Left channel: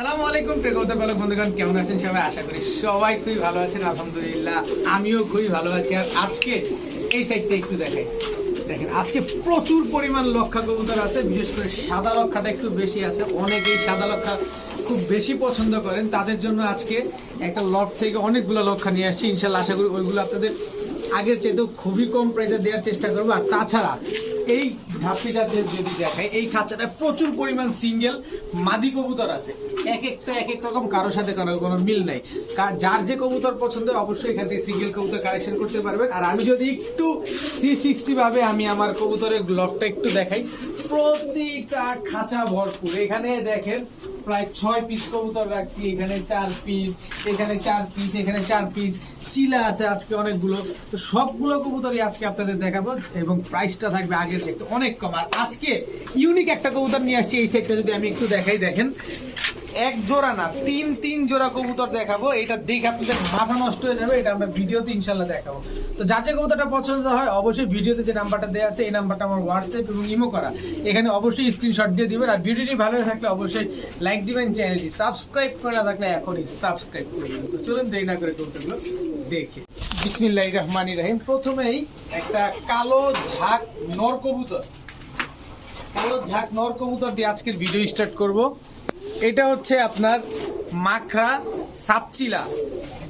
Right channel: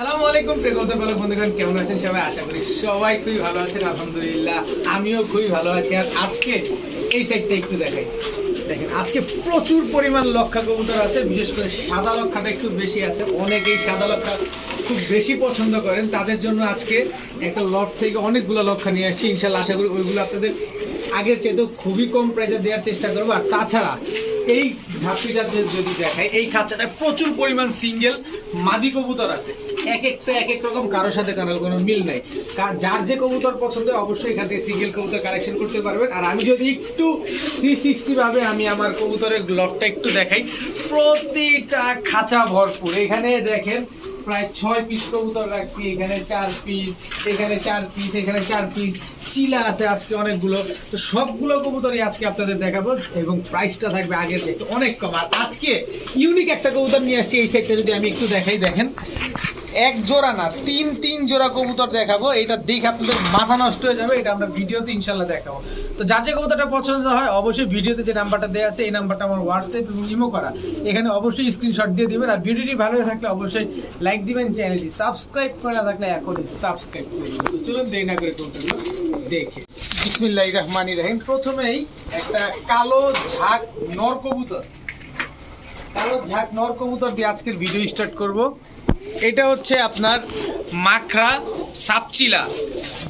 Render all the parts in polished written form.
আসসালামু আলাইকুম প্রিয় বন্ধুগণ, কেমন আছেন সবাই? আশা করি সবাই খুবই ভালো আছেন। আলহামদুলিল্লাহ আমিও খুবই ভালো আছি। আর আজকে এই সাইডটা একটু দেখেন, আজকে প্রচুর পরিমাণ লক্ষা কবুতর আছে। বিশেষ করে সাদা লক্ষাটা একটু বেশি আছে। অনেকেই সাদা লক্ষা খুব বেশি পছন্দ করেন, তাদের জন্য আজকে একটা লট থেকে অনেকগুলো লক্ষা নিয়ে আসছি। ইনশাল্লাহ আশা করি ওইগুলো আপনাদের আগের চাইতেও খুবই কম প্রাইসে দেওয়ার চেষ্টা করবো। আর তাছাড়া এই ধাপটিটা যদি দেখায়, এই খাঁচাটায় প্রচুর পরিমাণ সিঙ্গেল মাদি কবুতর আছে। এক একটা এক এক রকম, কারোর সাথে কারোর কোনো মিল নাই। যার যে কবুতর পছন্দ অবশ্যই এখান থেকে সিঙ্গেল কবুতর কালেকশন করতে পারবেন। আর আমি যদি একটু 360 ভাবে আমি আমার কবুতরের লটটা একটু দেখাই, প্রতিটা খাঁচা ভরপুর। এখানে দেখেন প্রায় 6 পিস কবুতর রাখছি। এখানে 4 পিস, এখানে 4 পিস, এখানে 4 পিস চিলা আছে আজকে অনেকগুলো। তো সবগুলো কবুতরই আজকে আপনাদের দেখাবো এবং প্রাইসটা থাকবে আগের থেকে অনেক কম। আর আজকে ইউনিক একটা কবুতর নিয়ে আসছি। এই সেটটা যদি আমি একটু দেখাই, দেখেন এক জোড়া না, তিন জোড়া কবুতর দেখাবো। এটা দেখে আপনাদের মাথা নষ্ট হয়ে যাবে। এটা আমরা ভিডিওতে ইনশাল্লাহ দেখাবো। তো যার যে কবুতরটা পছন্দ হয় অবশ্যই ভিডিওতে যে নাম্বারটা দেওয়া আছে, এই নাম্বারটা আমার হোয়াটসঅ্যাপ এবং ইমো করা, এখানে অবশ্যই স্ক্রিনশট দিয়ে দিবেন। আর ভিডিওটি ভালো থাকলে অবশ্যই লাইক দিবেন, চ্যানেলটি সাবস্ক্রাইব করে না থাকলে এখনই সাবস্ক্রাইব করে দিবেন। তো চলুন দেরি না করে কবুতরগুলো দেখে। বিসমিল্লাহির রহমানির রহিম। প্রথমেই একটা কালো ঝাঁক নর কবুতর, কালো ঝাঁক নর কবুতর দিয়ে আজকের ভিডিও স্টার্ট করব। এটা হচ্ছে আপনার মাখরা সাপচিলা,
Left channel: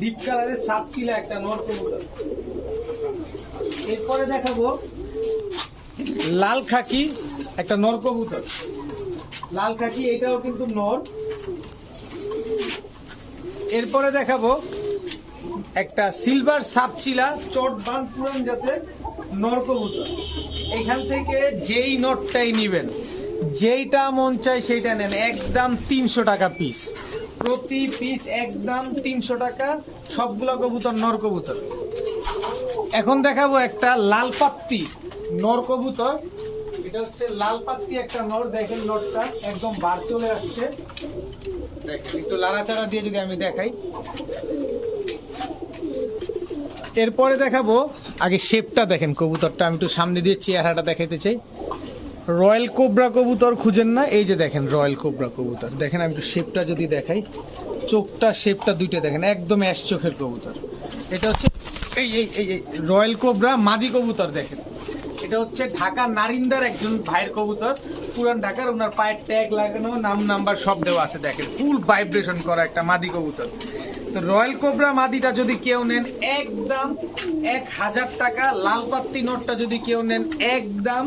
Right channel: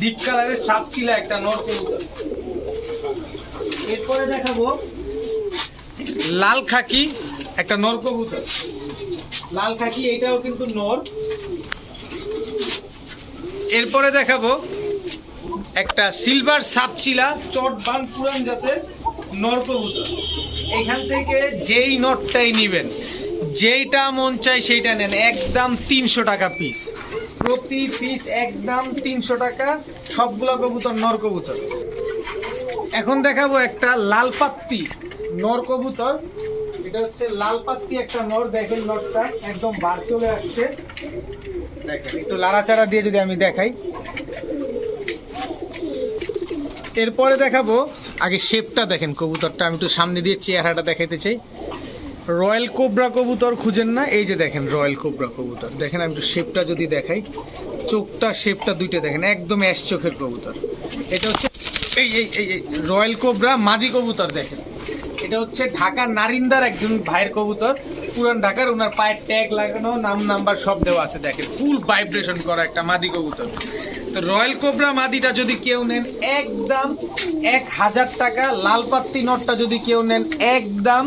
ডিপ কালারের সাপচিলা একটা নর কবুতর। এরপরে দেখাবো লাল খাকি একটা নর কবুতর, লাল খাকি, এটাও কিন্তু নর। এরপরে দেখাবো একটা সিলভার সাপচিলা চটবান পুরান জাতের নর কবুতর। এখান থেকে যেই নটটাই নিবেন, যেইটা মন চাই সেইটা নেন, একদম 300 টাকা পিস, প্রতি পিস একদম 300 টাকা। সবগুলো কবুতর নর কবুতর। এখন দেখাবো একটা লাল পাত্তি নর কবুতর। এটা হচ্ছে লাল পাত্তি একটা নর। দেখেন নটটা একদম বার চলে আসছে। দেখেন একটু লাড়াচাড়া দিয়ে যদি আমি দেখাই। এরপরে দেখাবো, আগে শেপটা দেখেন কবুতরটা, আমি একটু সামনে দিয়ে চেহারাটা দেখাইতে চাই। রয়্যাল কোবরা কবুতর খুঁজেন না, এই যে দেখেন রয়্যাল কোবরা কবুতর। দেখেন আমি একটু শেপটা যদি দেখাই, চোখটা শেপটা দুইটা দেখেন, একদম অ্যাশ চোখের কবুতর। এটা হচ্ছে এই এই এই রয়্যাল কোবরা মাদি কবুতর। দেখেন এটা হচ্ছে ঢাকার নারিন্দার একজন ভাইয়ের কবুতর, পুরান ঢাকার। ওনার পায়ের ট্যাগ লাগানো, নাম নাম্বার সব দেওয়া আছে। দেখেন ফুল ভাইব্রেশন করা একটা মাদি কবুতর। তো রয়্যাল কোবরা মাদিটা যদি কেউ নেন একদম 1000 টাকা। লাল পাত্তি নটটা যদি কেউ নেন একদম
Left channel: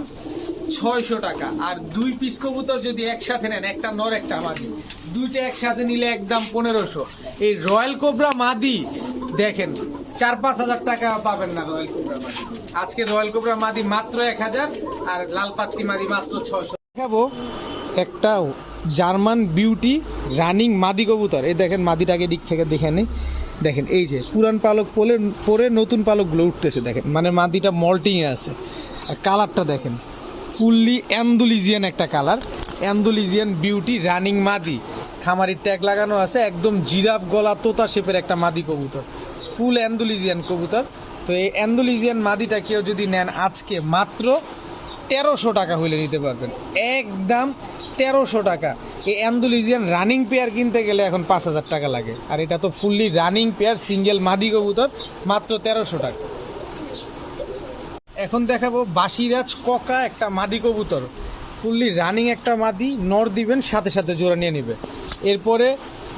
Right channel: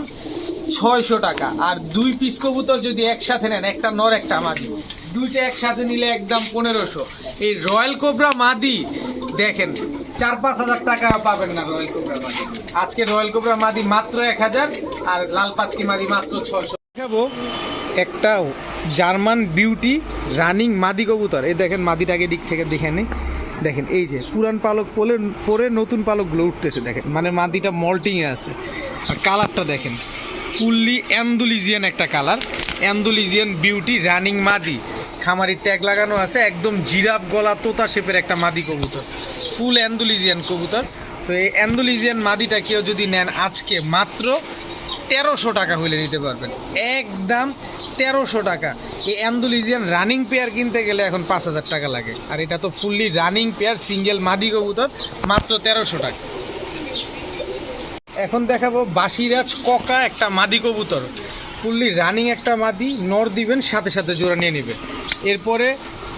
600 টাকা। আর 2 পিস কবুতর যদি একসাথে নেন, একটা নর একটা মাদি, দুইটা একসাথে নিলে একদম 1500। এই রয়্যাল কোবরা মাদি দেখেন 4-5 হাজার টাকা পাবেন না রয়্যাল কোবরা মাদি। আজকে রয়্যাল কোবরা মাদি মাত্র 1000 আর লাল পাত্তি মাদি মাত্র 600। দেখাবো একটা জার্মান বিউটি রানিং মাদি কবুতর। এই দেখেন মাদিটাকে দিক থেকে দেখে নেই। দেখেন এই যে পুরান পালক পরে নতুন পালকগুলো উঠতেছে। দেখেন মানে মাদিটা মল্টিংয়ে আছে। আর কালারটা দেখেন ফুললি অ্যান্ডুলিজিয়ান একটা কালার, অ্যান্ডুলিজিয়ান বিউটি রানিং মাদি। খামারির ট্যাগ লাগানো আছে, একদম জিরাফ গলা তোতা শেপের একটা মাদি কবুতর, ফুল অ্যান্ডুলিজিয়ান কবুতর। তো এই অ্যান্ডুলিজিয়ান মাদিটা কেউ যদি নেন আজকে মাত্র 1300 টাকা হইলে নিতে পারবেন, একদম 1300 টাকা। এই অ্যান্ডুলিজিয়ান রানিং পেয়ার কিনতে গেলে এখন 5000 টাকা লাগে। আর এটা তো ফুললি রানিং পেয়ার সিঙ্গেল মাদি কবুতর, মাত্র 1300 টাকা। এখন দেখাবো বাসিরাজ ককা একটা মাদি কবুতর, ফুললি রানিং একটা মাদি, নর দিবেন সাথে সাথে জোড়া নিয়ে নেবে। এরপরে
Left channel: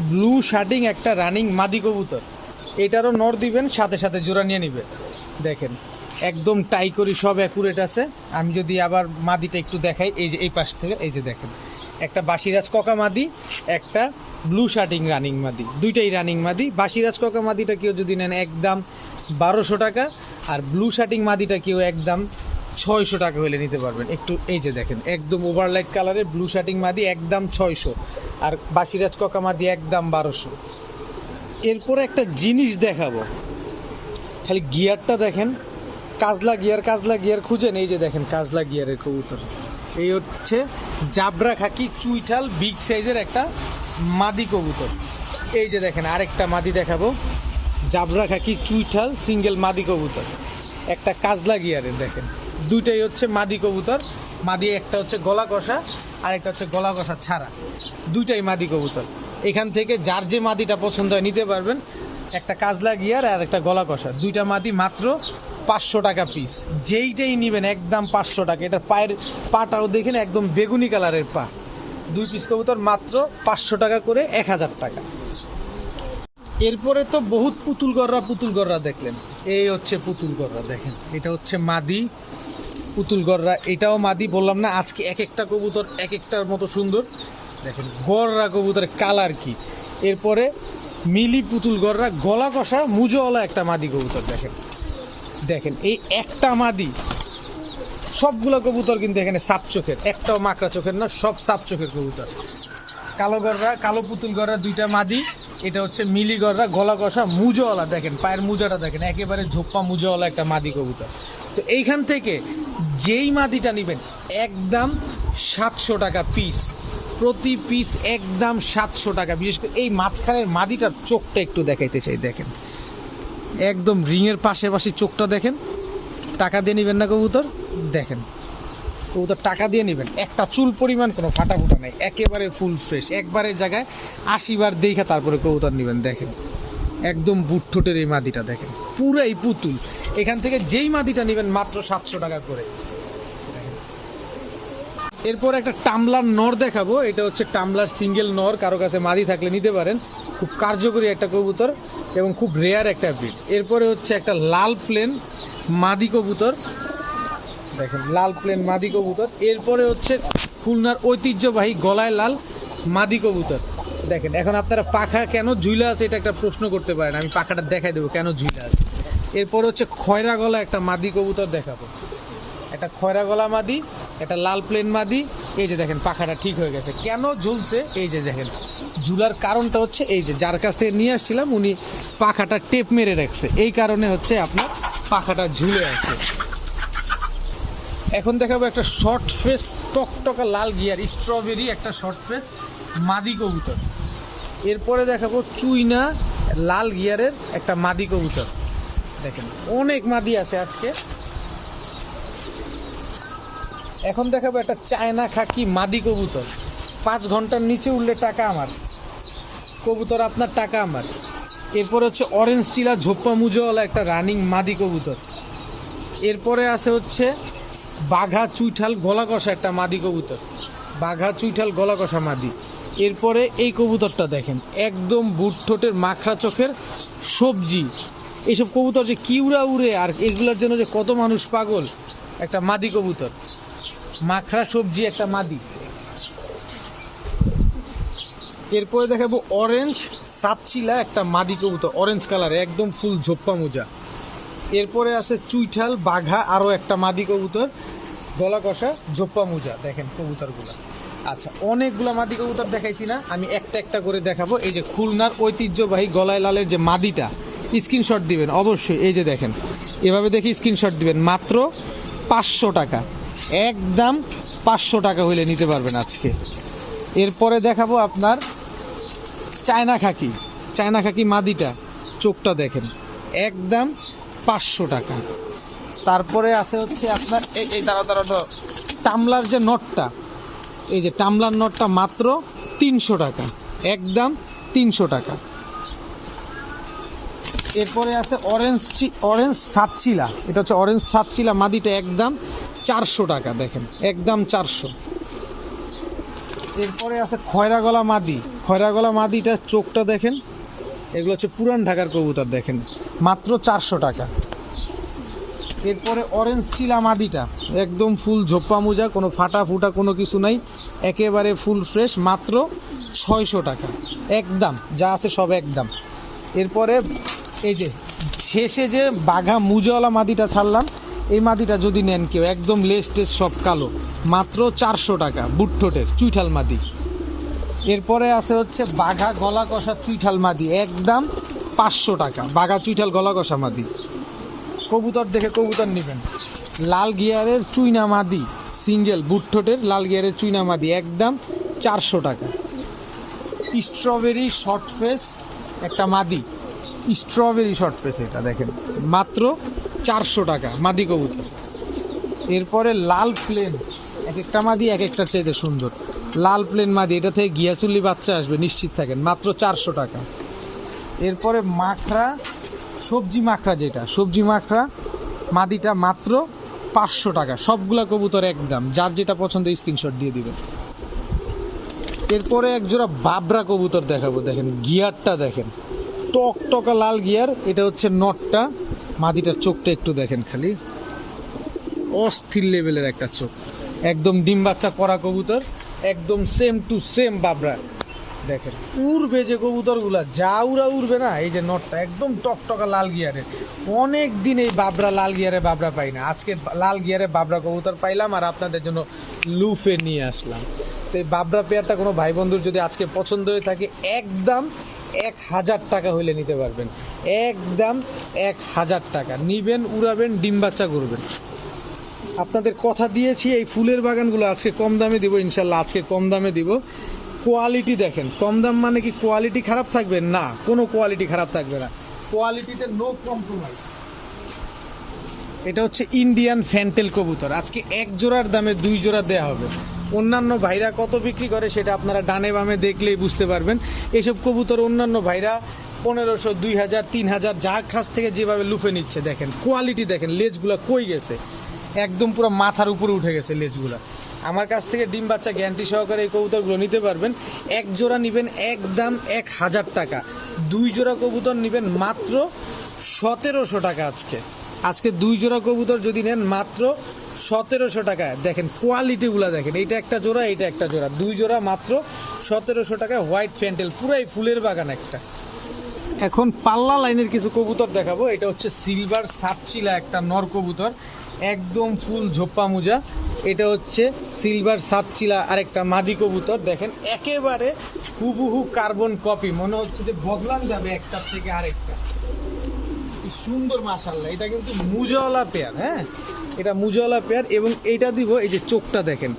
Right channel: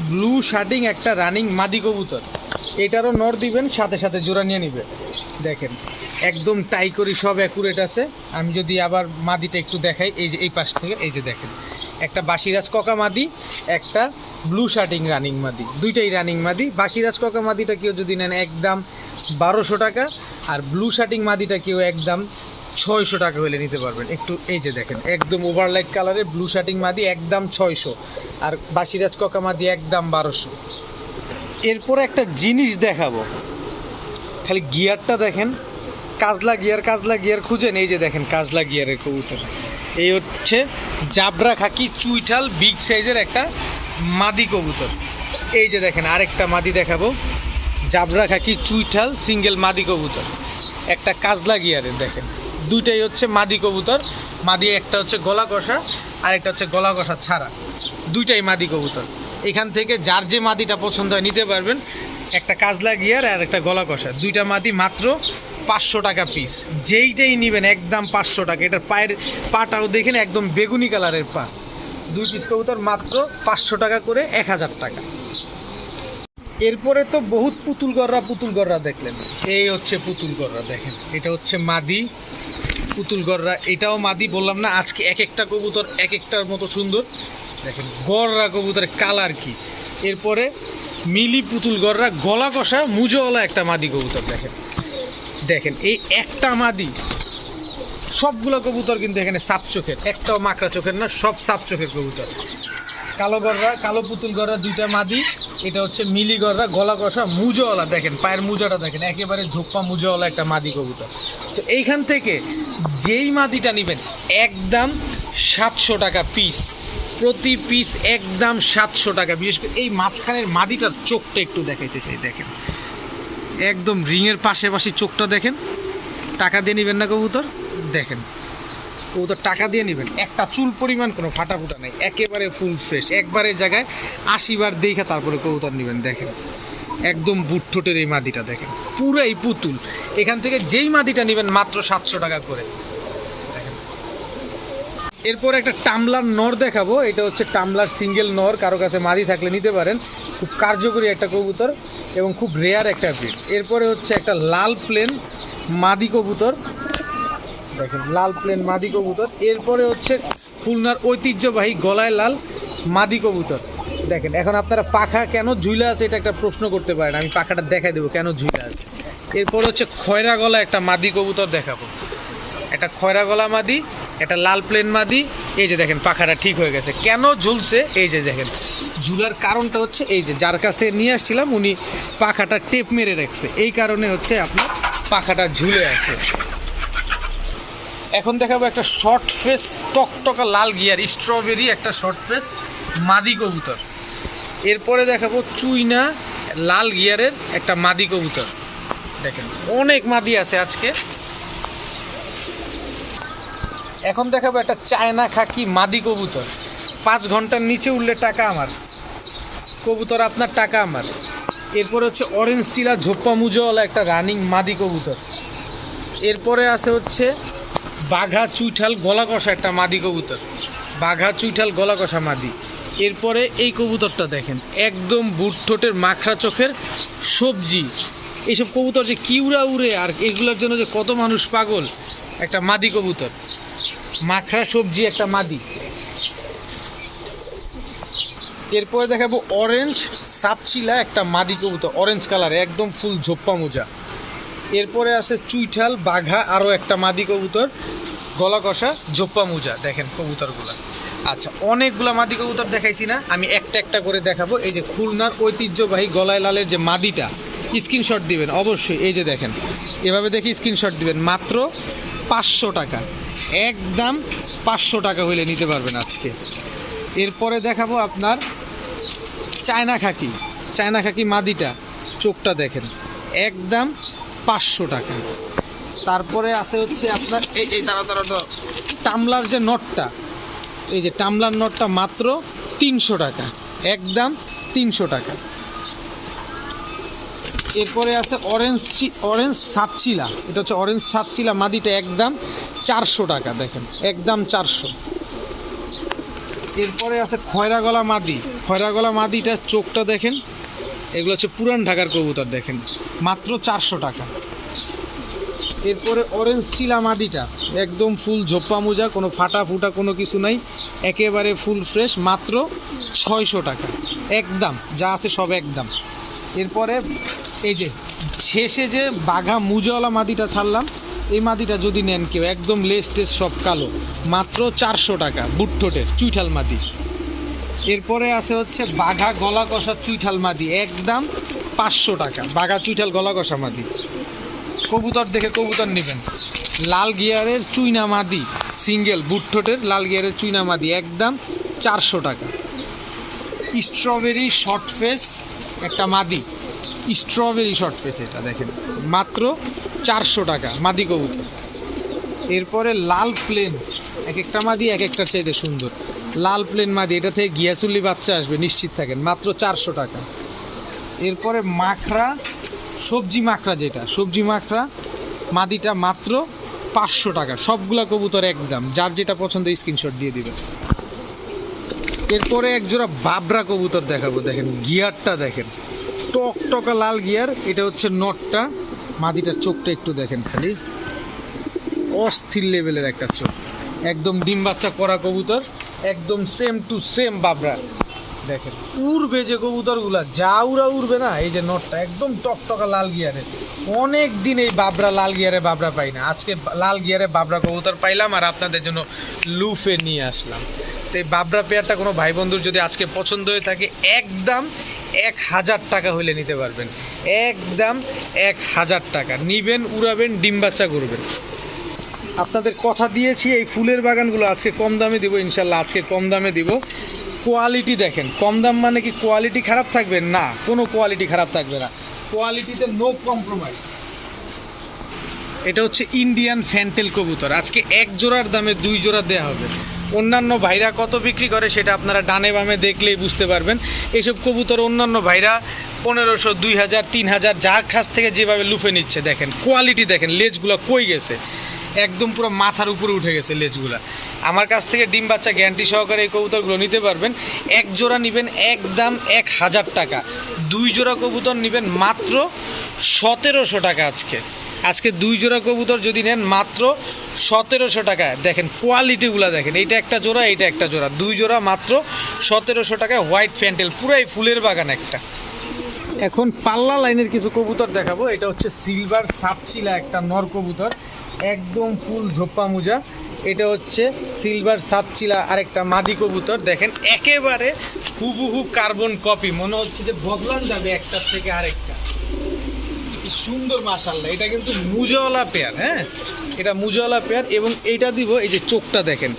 ব্লু শার্টিং একটা রানিং মাদি কবুতর, এটারও নর দিবেন সাথে সাথে জোড়া নিয়ে নেবে। দেখেন একদম টাই করি, সব অ্যাকুরেট আছে। আমি যদি আবার মাদিটা একটু দেখাই, এই যে এই পাশ থেকে, এই যে দেখেন একটা বাসিরাজ ককা মাদি, একটা ব্লু শার্টিং রানিং মাদি, দুইটাই রানিং মাদি। বাসিরাজ ককা মাদিটা কেউ যদি নেন একদম 1200 টাকা, আর ব্লু শার্টিং মাদিটা কেউ একদম 600 টাকা হলে নিতে পারবেন। একটু এই যে দেখেন একদম ওভারলাইট কালারের ব্লু শার্টিং মাদি একদম 600, আর বাসিরাজ ককা মাদি একদম 1200। এরপরে একটা জিনিস দেখাবো, খালি গিয়ারটা দেখেন, কাজলা গিয়ার খুঁজেন, এই যে দেখেন কাজলা গিয়ারের কবুতর। এই হচ্ছে জাবরা খাকি চুইঠাল বিগ সাইজের একটা মাদি কবুতর। এই যে দেখেন আরেকটা মাদি দেখাবো, জাবরা খাকি চুইঠাল সিঙ্গেল মাদি কবুতর, একটা কাজলা গিয়ারের। দেখেন দুইটাই হচ্ছে মাদি কবুতর। মাদি একটা হচ্ছে গলা কষা আর একটা হচ্ছে গলা কষা ছাড়া, দুইটাই মাদি কবুতর। এখান থেকে যার যে মাদিটা পছন্দ হয় নিতে পারবেন। একটা কাজলা গিয়ার আর একটা গলা কষা, দুইটা মাদি মাত্র 500 টাকা পিস। যেইটাই নেবেন একদম 500 টাকা। এটার পায়ের পাটাও দেখেন একদম বেগুনি কালারের পা। 2 পিস কবুতর মাত্র 500 টাকা করে, 1000 টাকা। এরপরে তো বহুত পুতুল গররা দেখলেন। এই হচ্ছে পুতুল গররা, দেখেন এটা হচ্ছে মাদি পুতুল গররা, এটাও মাদি। বললাম না আজকে এক একটা কবুতর এক একটার মতো সুন্দর। দেখেন গররা কবুতরের কালার কি। এরপরে মিলি পুতুল গররা, গলা কষা মুজোওয়ালা একটা মাদি কবুতর। দেখেন দেখেন এই একটা মাদি, সবগুলো কবুতর কিন্তু এখানে সাপ চোখের, একটাও মাকড়া চোখের না, সব সাপ চোখের কবুতর। কালো গররা, কালো পুতুল গররা দুইটা মাদি। এটা হচ্ছে মিলি গররা, গলা কষা মুজোওয়ালা। দেখেন পায়ের মুজাটা দেখেন, একেবারে ঝোপ্পা মুজোওয়ালা একটা মাদি কবুতর। তো এইখান থেকে যেই মাদিটা নেবেন একদম 700 টাকা পিস, প্রতি পিস একদম 700 টাকা। বিশেষ করে এই মাঝখানের মাদিটার চোখটা একটু দেখাইতে চাই। দেখেন একদম রিংয়ের পাশাপাশি চোখটা দেখেন। টাকা দিয়ে নেবেন না কবুতর, দেখেন কবুতর টাকা দিয়ে নেবেন, একটা চুল পরিমাণ কোনো ফাটা ফুটা নেই, একেবারে ফুল ফ্রেশ। একবারের জায়গায় 80 বার দেখা তারপরে কবুতর নেবেন। দেখেন একদম বুট ঠোঁটের এই মাদিটা দেখেন, পুরাই পুতুল। এখান থেকে যেই মাদিটা নেবেন মাত্র 700 টাকা করে। এরপর একটা টামলার নর দেখাবো। এটা হচ্ছে টামলার সিঙ্গেল নর, কারো কাছে মাদি থাকলে নিতে পারেন। খুব কার্যকরী একটা কবুতর এবং খুব রেয়ার একটা ব্রিড। এরপরে হচ্ছে একটা লাল প্লেন মাদি কবুতর, দেখেন লাল প্লেন মাদি কবুতর। এরপরে হচ্ছে খুলনার ঐতিহ্যবাহী গলায় লাল মাদি কবুতর। দেখেন এখন আপনারা পাখা কেন ঝুলা আছে এটা একটা প্রশ্ন করতে পারেন, আমি পাখাটা দেখাই দেবো কেন ঝুলা আছে। এরপর হচ্ছে খয়রা গলা একটা মাদি কবুতর দেখাবো। একটা খয়রা গলা মাদি, একটা লাল প্লেন মাদি। এই যে দেখেন পাখাটা ঠিক হয়ে গেছে। কেন ঝুলছে এই যে দেখেন, ঝুলার কারণটা হচ্ছে এই যে যার কাছ থেকে নিয়ে আসছিলাম উনি পাখাটা টেপ মেরে রাখছে, এই কারণে হচ্ছে আপনার পাখাটা ঝুলে আছে। এখন দেখাবো একটা শর্ট ফেস টকটকা লাল গিয়ার স্ট্রবেরি একটা শর্ট ফেস মাদি কবুতর। এরপরে দেখাবো চুইনা লাল গিয়ারের একটা মাদি কবুতর। দেখেন অনেক মাদি আছে আজকে। এখন দেখাবো একটা চায়না খাকি মাদি কবুতর। 5 ঘন্টার নিচে উঠলে টাকা আমার, কবুতর আপনার টাকা আমার। এরপর হচ্ছে অরেঞ্জ চিলা ঝোপ্পা মুজোওয়ালা একটা রানিং মাদি কবুতর। এরপরে আছে হচ্ছে বাঘা চুইঠাল গলা কষা একটা মাদি কবুতর, বাঘা চুইঠাল গলা কষা মাদি। এরপরে এই কবুতরটা দেখেন একদম বুট ঠোঁটের মাখরা চোখের সবজি। এইসব কবুতর যে কি উড়ে আর এগুলোর জন্য যে কত মানুষ পাগল। একটা মাদি কবুতর, মাখরা সবজি একটা মাদি। এরপরে দেখাবো অরেঞ্জ সাপচিলা একটা মাদি কবুতর, অরেঞ্জ কালার একদম ফুল ঝোপ্পা মোজা। এরপরে আছে চুইঠাল বাঘা আরও একটা মাদি কবুতর, গলা কষা ঝোপ্পা মোজা। দেখেন কবুতরগুলা। আচ্ছা অনেকগুলা মাদি কবুতর দেখাইছি না, আমি একটা একটা করে দেখাবো। এই যে খুলনার ঐতিহ্যবাহী গলায় লালের যে মাদিটা, স্ক্রিনশট দিবেন অবশ্যই। এই যে দেখেন এভাবে দেখে স্ক্রিনশট দিবেন, মাত্র 500 টাকা, একদম 500 টাকা হইলে নিতে পারবেন আজকে। এরপরে দেখাবো আপনার চায়না খাকি, চায়না খাকি মাদিটা, চোখটা দেখেন একদম 500 টাকা। তারপরে আছে হচ্ছে আপনার এই তারা টামলার যে নটটা, এই যে টামলার নটটা মাত্র 300 টাকা, একদম 300 টাকা। এরপরে আছে অরেঞ্জ সাপচিলা, এটা হচ্ছে অরেঞ্জ সাপচিলা মাদিটা, একদম 400 টাকা। দেখেন একদম 400। এরপরে আছে খয়রা গলা মাদি, খয়রা গলা মাদিটা চোখটা দেখেন, এগুলো হচ্ছে পুরান ঢাকার কবুতর, দেখেন মাত্র 400 টাকা। এরপরে অরেঞ্জ চিলা মাদিটা একদম ফুল ঝোপ্পা মোজা, কোনো ফাটা ফুটা কোনো কিছু নাই, একেবারে ফুল ফ্রেশ, মাত্র 600 টাকা একদম, যা আছে সব একদম। এরপরে এই যে শেষে যে বাঘা মুজাওয়ালা মাদিটা ছাড়লাম, এই মাদিটা যদি নেন কেউ একদম লেস টেস সব কালো, মাত্র 400 টাকা, বুট ঠোঁটের চুইঠাল মাদি। এরপরে আছে হচ্ছে বাঘা গলা কষা চুইঠাল মাদি, একদম 500 টাকা, বাঘা চুইঠাল গলা কষা মাদি। কবুতর দেখে কবুতর নেবেন। লাল গিয়ারের চুইনা মাদি সিঙ্গেল, বুট ঠোঁটের লাল গিয়ারের চুইনা মাদি, একদম 400 টাকা। স্ট্রবেরি শর্ট ফেস একটা মাদি, স্ট্রবেরি শর্ট ফেস, এটা দেখেন মাত্র 400 টাকা মাদি কবুতর। এরপরে লাল প্লেন, এক একটা মাদি এক একটার চাইতে সুন্দর, লাল প্লেন মাদি, এটা থেকে গিয়াসুল্লি বাচ্চা আসবে নিশ্চিত থাকেন, মাত্র 400 টাকা। এরপরে মাখরা, সবজি মাখরা, যেটা সবজি মাখরা মাদিটা মাত্র 500 টাকা। সবগুলা কবুতর একদম, যার যেটা পছন্দ স্ক্রিনশট দিয়ে দিবেন। এরপরে এক জোড়া বাবরা কবুতর দেখাবো, দেখেন গিয়ারটা দেখেন, টকটকা লাল গিয়ার। এটা হচ্ছে নটটা, মাদিটার চোখটা একটু দেখেন, খালি অস্থির লেভেলের একটা চোখ, একদম ডিম বাচ্চা করা কবুতর, একদম সেম টু সেম বাবরা। দেখেন উড়বে যে কবুতরগুলা, যা উড়া উড়বে না। এই যে নটটা একদম টকটকা লাল গিয়ারে, অনেক দিন এই বাবরা লাল গিয়ারে বাবরা পাই না, আজকে লাল গিয়ারে বাবরা কবুতর পাইলাম আর আপনাদের জন্য লুফে নিয়ে আসলাম। তো এই বাবরা পেয়ারটা কোনো ভাই বন্ধুর যদি আজকে পছন্দ হয়ে থাকে, একদম 1000 টাকা হইলে নিতে পারবেন, একদম 1000 টাকা নিবেন, উড়াবেন, ডিম বাচ্চা করবেন। আপনাদের কথা দিয়েছি এই ফুলের বাগানগুলো আজকে কম দামে দিব, ইনশাল্লাহ আজকে কম দামে দিব। কোয়ালিটি দেখেন, কম দাম মানে কি কোয়ালিটি খারাপ থাকবে না, কোনো কোয়ালিটি খারাপ থাকবে না, কোয়ালিটিতে নো কম্প্রোমাইজ। এটা হচ্ছে ইন্ডিয়ান ফ্যান্টেল কবুতর, আজকে এক জোড়ার দামে 2 জোড়া দেওয়া হবে। অন্যান্য ভাইরা কত বিক্রি করে সেটা আপনারা ডানে বামে দেখলেই বুঝতে পারবেন। এসব কবুতর অন্যান্য ভাইরা 1500, 2000, 3000 যার কাছ থেকে যেভাবে লুফে নিচ্ছে। দেখেন কোয়ালিটি দেখেন, লেজগুলো কই গেছে, একদম পুরো মাথার উপরে উঠে গেছে লেজগুলা। আমার কাছ থেকে ডিম বাচ্চা গ্যারান্টি সহকারে এই কবুতরগুলো নিতে পারবেন। এক জোড়া নেবেন একদম 1000 টাকা, 2 জোড়া কবুতর নেবেন মাত্র 1700 টাকা। আজকে 2 জোড়া কবুতর যদি নেন মাত্র 1700 টাকা। দেখেন কোয়ালিটিগুলো দেখেন, এইটা একটা জোড়া, এইটা একটা জোড়া, 2 জোড়া মাত্র 1700 টাকায়। হোয়াইট ফ্যান্টেল, পুরাই ফুলের বাগান একটা। এখন পাল্লা লাইনের কিছু কবুতর দেখাবো। এটা হচ্ছে সিলভার সাপচিলা, একটা নর কবুতর, একদম ফুল ঝোপ্পা মুজা। এটা হচ্ছে সিলভার সাপচিলা, আরেকটা মাদি কবুতর। দেখেন একেবারে হুবহু কার্বন কপি, মনে হচ্ছে যে বদলান যাবে একটার থেকে আরেকটা। সুন্দর মাশাআল্লাহ, এটা কিন্তু মুজাওয়ালা পেয়ার। হ্যাঁ, এটা মুজাওয়ালা পেয়ার। এবং এইটা দিব, এই যে চোখটা দেখেন,